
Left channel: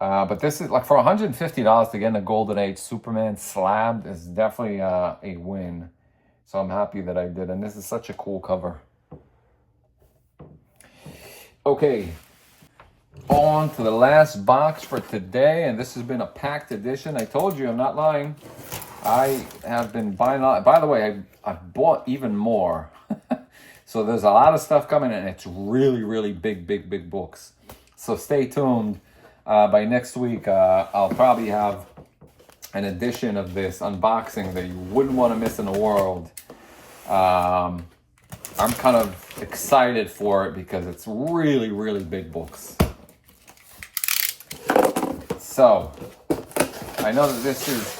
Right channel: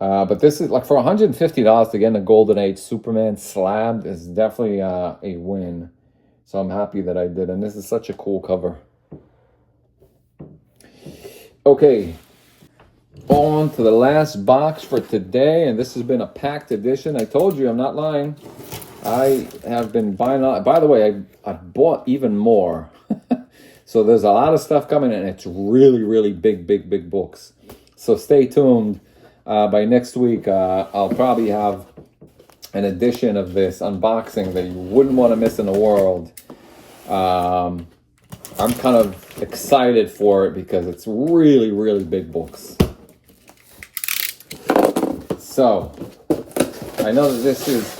But this is like for $150 to get in a Golden Age Superman slab is definitely a win. So I'm happy that I did. And this is such a cool cover. Okay. On to the last box for today, and this has been a packed edition. I told you, I'm not lying. I have been buying a lot. By the way, I bought even more. So there's a lot of stuff coming in. It's really, really big books. So stay tuned. By next week, I'll probably have an edition of this unboxing that you wouldn't want to miss in the world. I'm kind of excited for it because it's really, really big books. So, I know that this is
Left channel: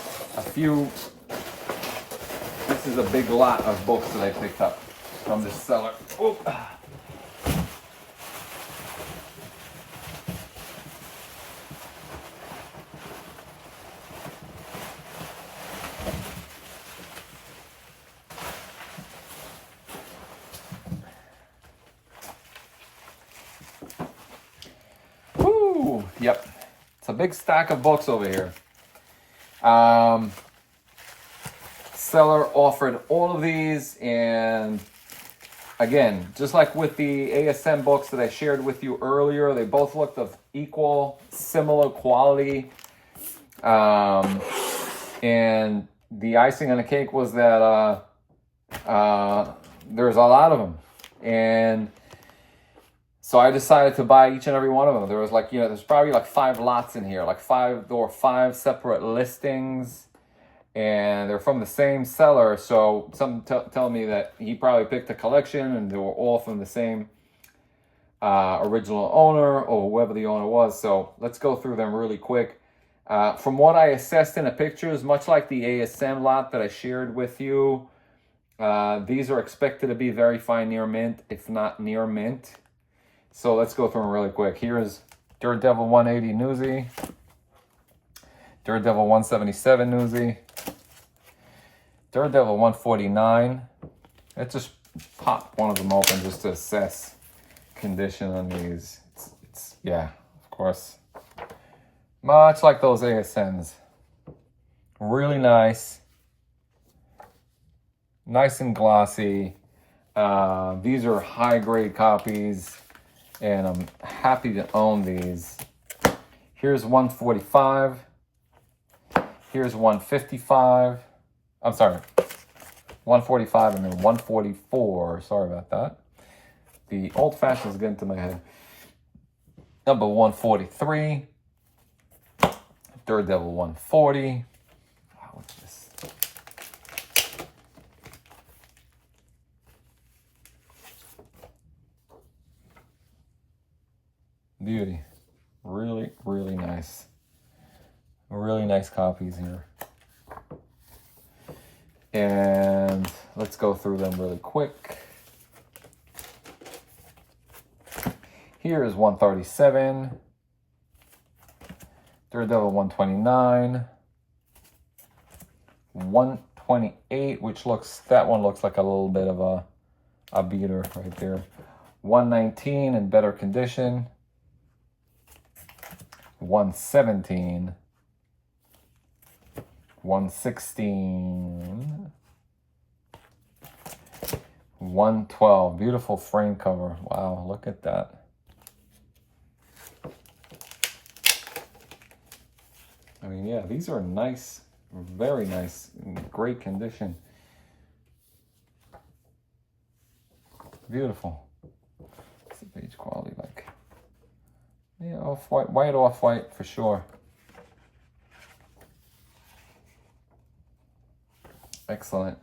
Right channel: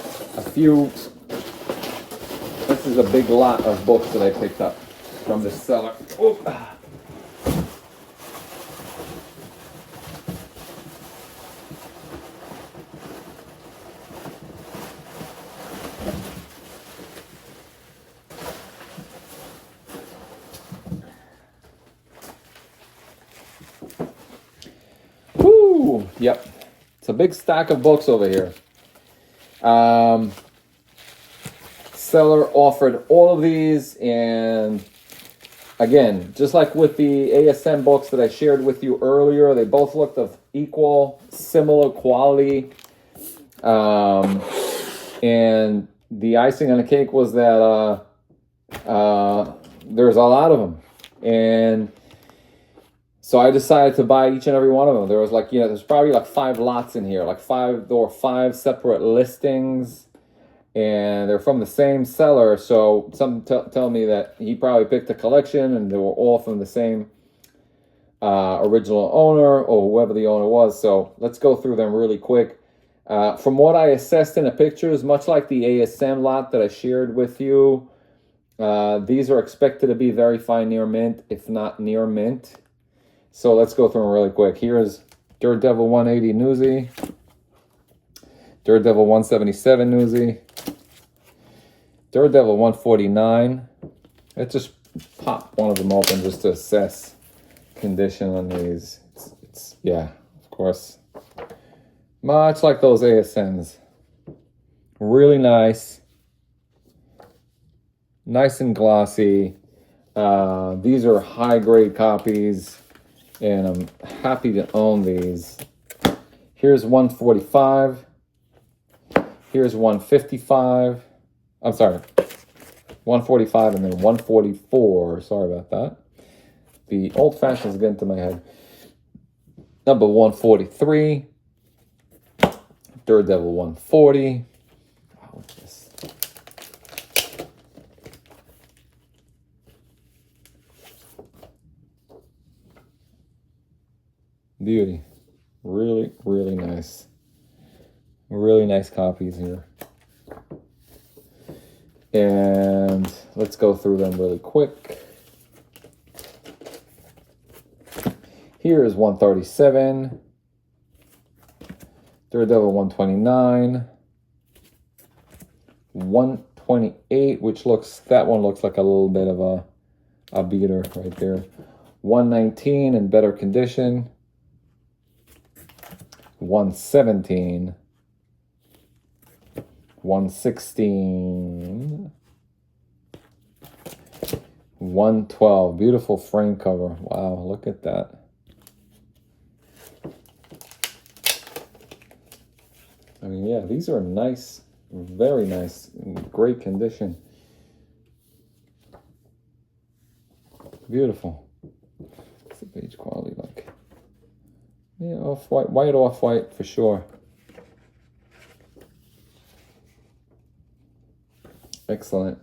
a big lot of books that I picked up from the seller. Oop. Woo! Yep. It's a big stack of books over here. Seller offered all of these, and again, just like with the ASM books that I shared with you earlier, they both looked of similar quality. And the icing on the cake was that there's a lot of them, and so I decided to buy each and every one of them. There was there's probably like 5 lots in here, there were 5 separate listings. and they're from the same seller. So some tell me that he probably picked a collection and they were all from the same original owner or whoever the owner was. So let's go through them really quick. From what I assessed in the pictures, much like the ASM lot that I shared with you, these are expected to be very fine near mint, if not near mint. So let's go through them really quick. Here's Daredevil 180 Newsy, Daredevil 177 Newsy, Daredevil 149. Let's just pop one of them open just to assess condition on these. It's yeah, of course. Much like those ASMs. Really nice. Nice and glossy. These are high grade copies, and I'm happy to own these. Here's 145. Here's 155. I'm sorry, 145 and then 144. Sorry about that. The old fashioned is getting to my head. Number 143. Daredevil 140. Wow, what's this? Beauty. Really, really nice. Really nice copies here. And let's go through them really quick. Here is 137. Daredevil 129. 128, which that one looks like a little bit of a beater right there. 119 in better condition. 117. 116. 112. Beautiful frame cover. Wow, look at that. I mean, yeah, these are nice, very nice, in great condition. Beautiful. What's the page quality like? Yeah, off-white, white off-white for sure. Excellent.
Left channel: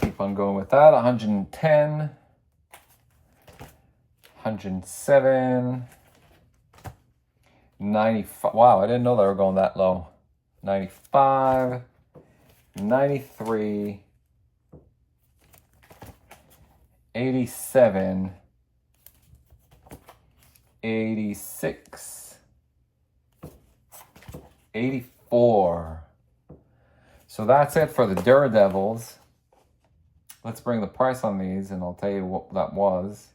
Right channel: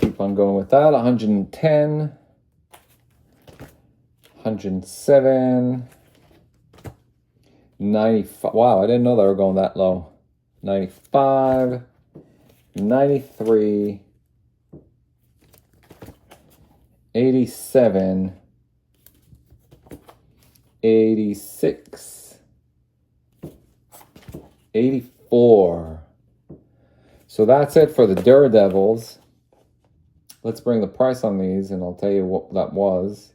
Keep on going with that. 110. 107. 95. Wow, I didn't know they were going that low. 95. 93. 87. 86. 84. So that's it for the Daredevils. Let's bring the price on these and I'll tell you what that was.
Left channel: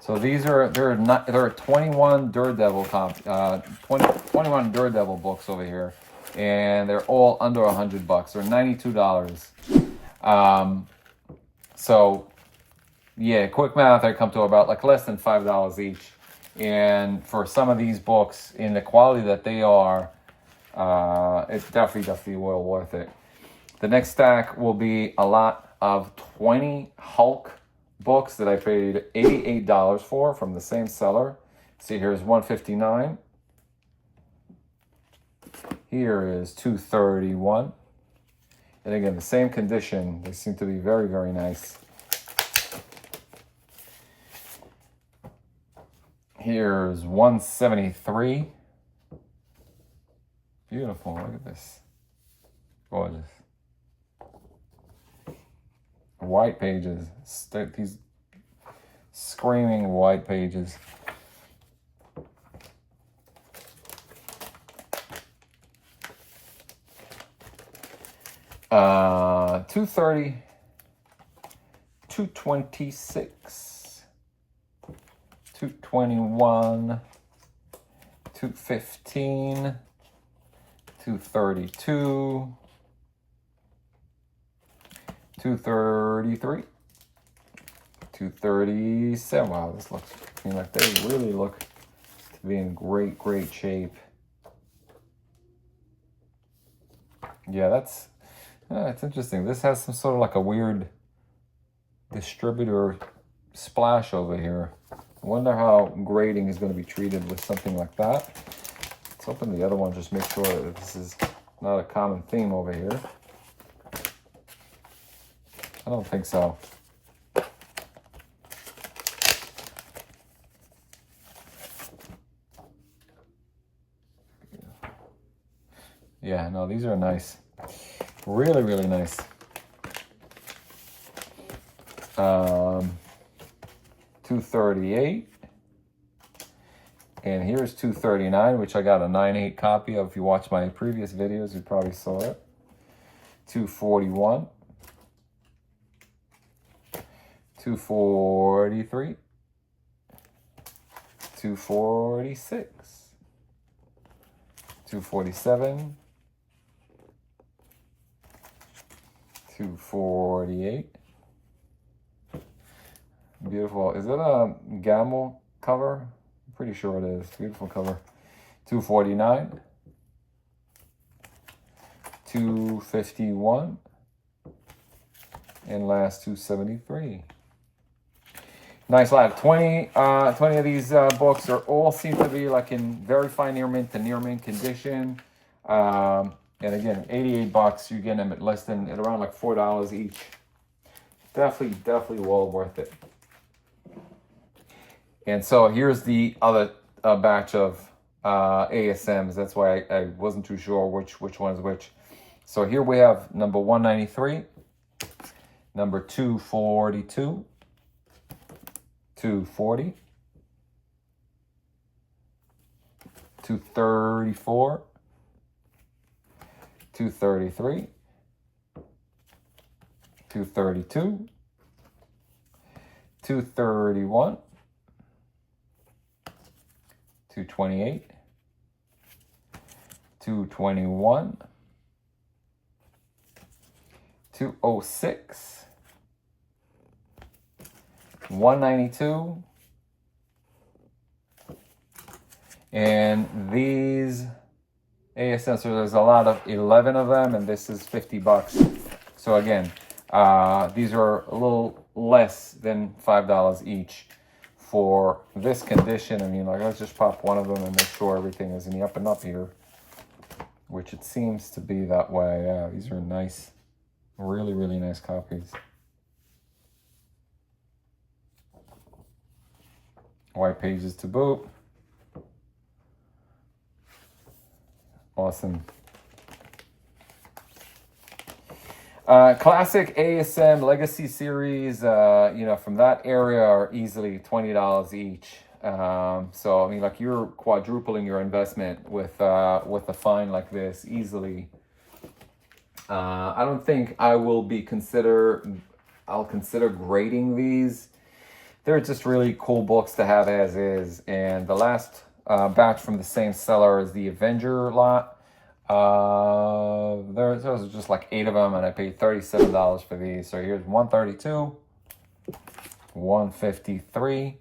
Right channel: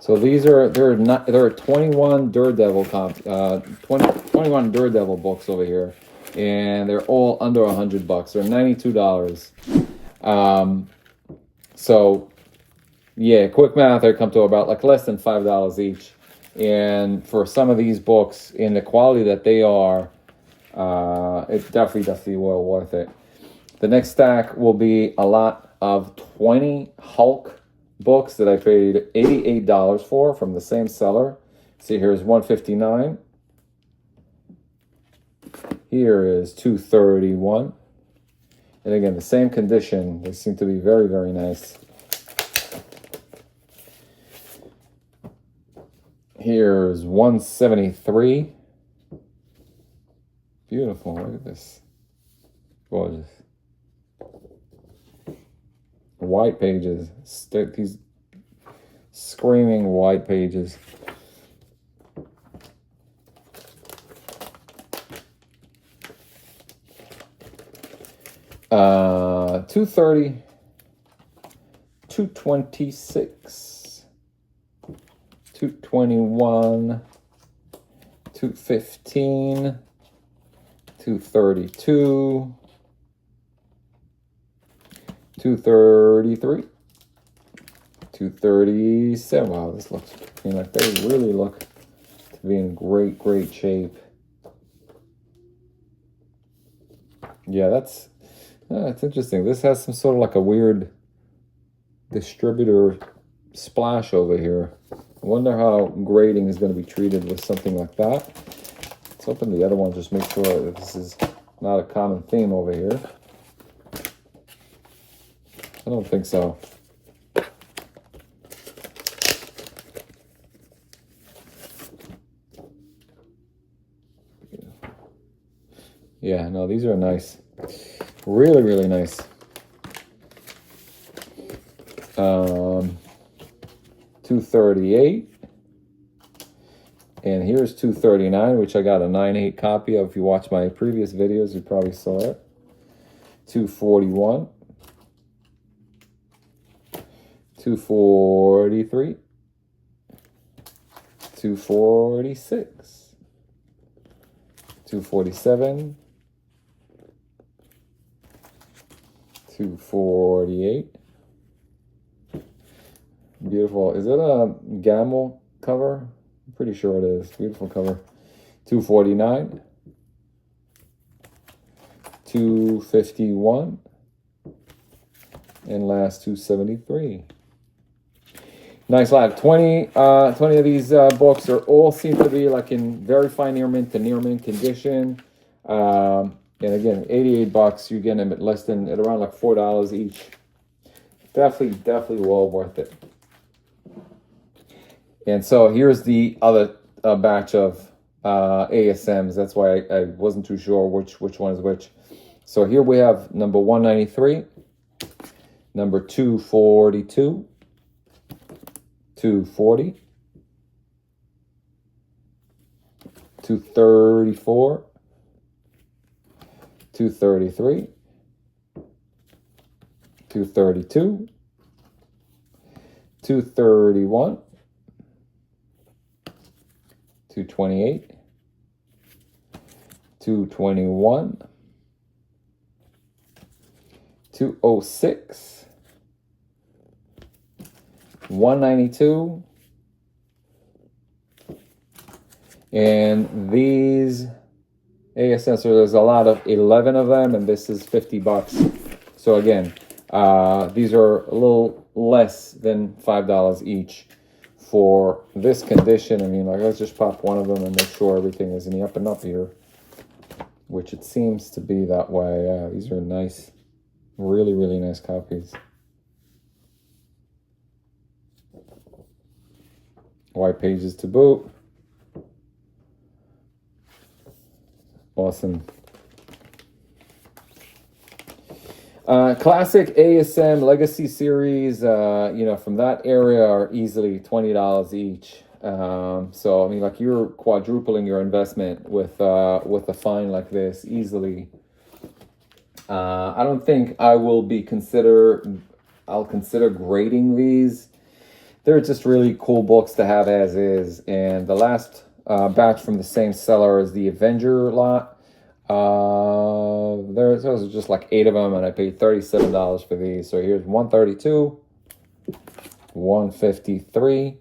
So these there are 21 Daredevil 21 Daredevil books over here, and they're all under $100. They're $92. So yeah, quick math, they come to about like less than $5 each. And for some of these books, in the quality that they are, it's definitely well worth it. The next stack will be a lot of 20 Hulk books that I paid $88 for from the same seller. See, here's 159. Here is 231. And again, the same condition. They seem to be very, very nice. Here's 173. Beautiful. Look at this. Gorgeous. White pages. These screaming white pages. $230. $226. $221. $215. $232. $233. $237. Wow, this looks, like they really look to be in great shape. Yeah, that's interesting. This has some sort of like a weird distributor splash over here. I wonder how grading is going to be treated with something like that. Let's open the other one, just make sure that this is not a common theme over here. I don't think so. Yeah, no, these are nice. Really, really nice. 238. And here's 239, which I got a 9/8 copy of. If you watch my previous videos, you probably saw it. 241. 243. 246. 247. 248. Beautiful. Is it a Gamel cover? I'm pretty sure it is. Beautiful cover. 249. 251. And last 273. Nice lot. 20 of these books are all seem to be like in very fine near mint to near mint condition. And again, 88 bucks, you get them at less than, at around like $4 each. Definitely well worth it. And so here's the other batch of ASMs. That's why I wasn't too sure which one is which. So here we have number 193, number 242, 240, 234, 233, 232, 231, 228, 221, 206, 192, and these ASMs, so there's a lot of 11 of them, and this is 50 bucks. So again, these are a little less than $5 each for this condition. I mean, like, let's just pop one of them and make sure everything is in the up and up here, which it seems to be that way. Yeah, these are nice, really nice copies. White pages to boot. Awesome. Classic ASM Legacy series, you know, from that area are easily $20 each. So I mean, like, you're quadrupling your investment with a find like this easily. I don't think I will I'll consider grading these. They're just really cool books to have as is. And the last batch from the same seller is the Avenger lot. Those are just like 8 of them, and I paid $37 for these. So here's 132, 153,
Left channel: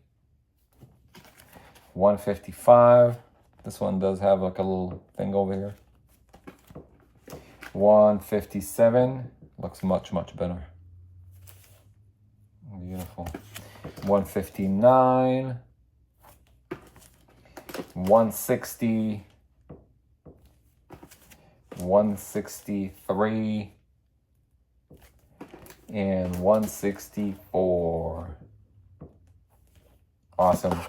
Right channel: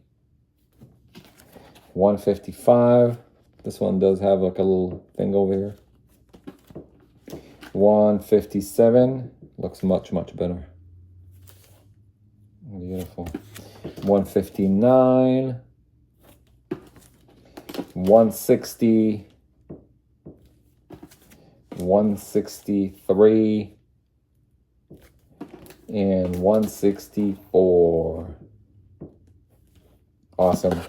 155. This one does have like a little thing over here. 157 looks much better. Beautiful. 159, 160, 163, and 164. Awesome.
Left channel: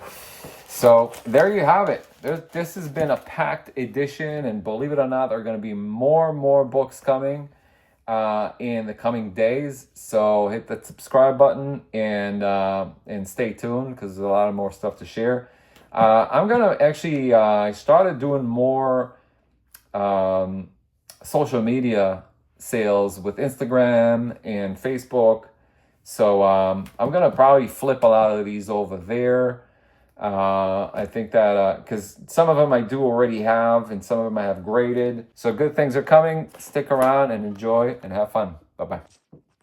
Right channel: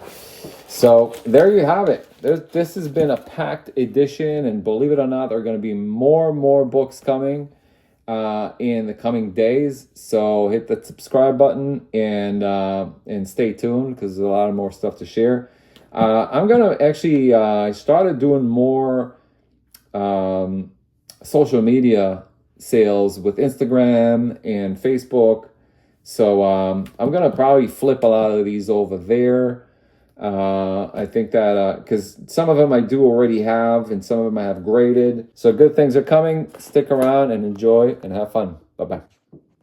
So there you have it. This has been a packed edition, and believe it or not, there are going to be more books coming in the coming days. So hit the subscribe button and stay tuned, because there's a lot of more stuff to share. I'm gonna actually I started doing more social media sales with Instagram and Facebook. So I'm gonna probably flip a lot of these over there. I think that because some of them I do already have, and some of them I have graded. So good things are coming. Stick around and enjoy and have fun. Bye-bye.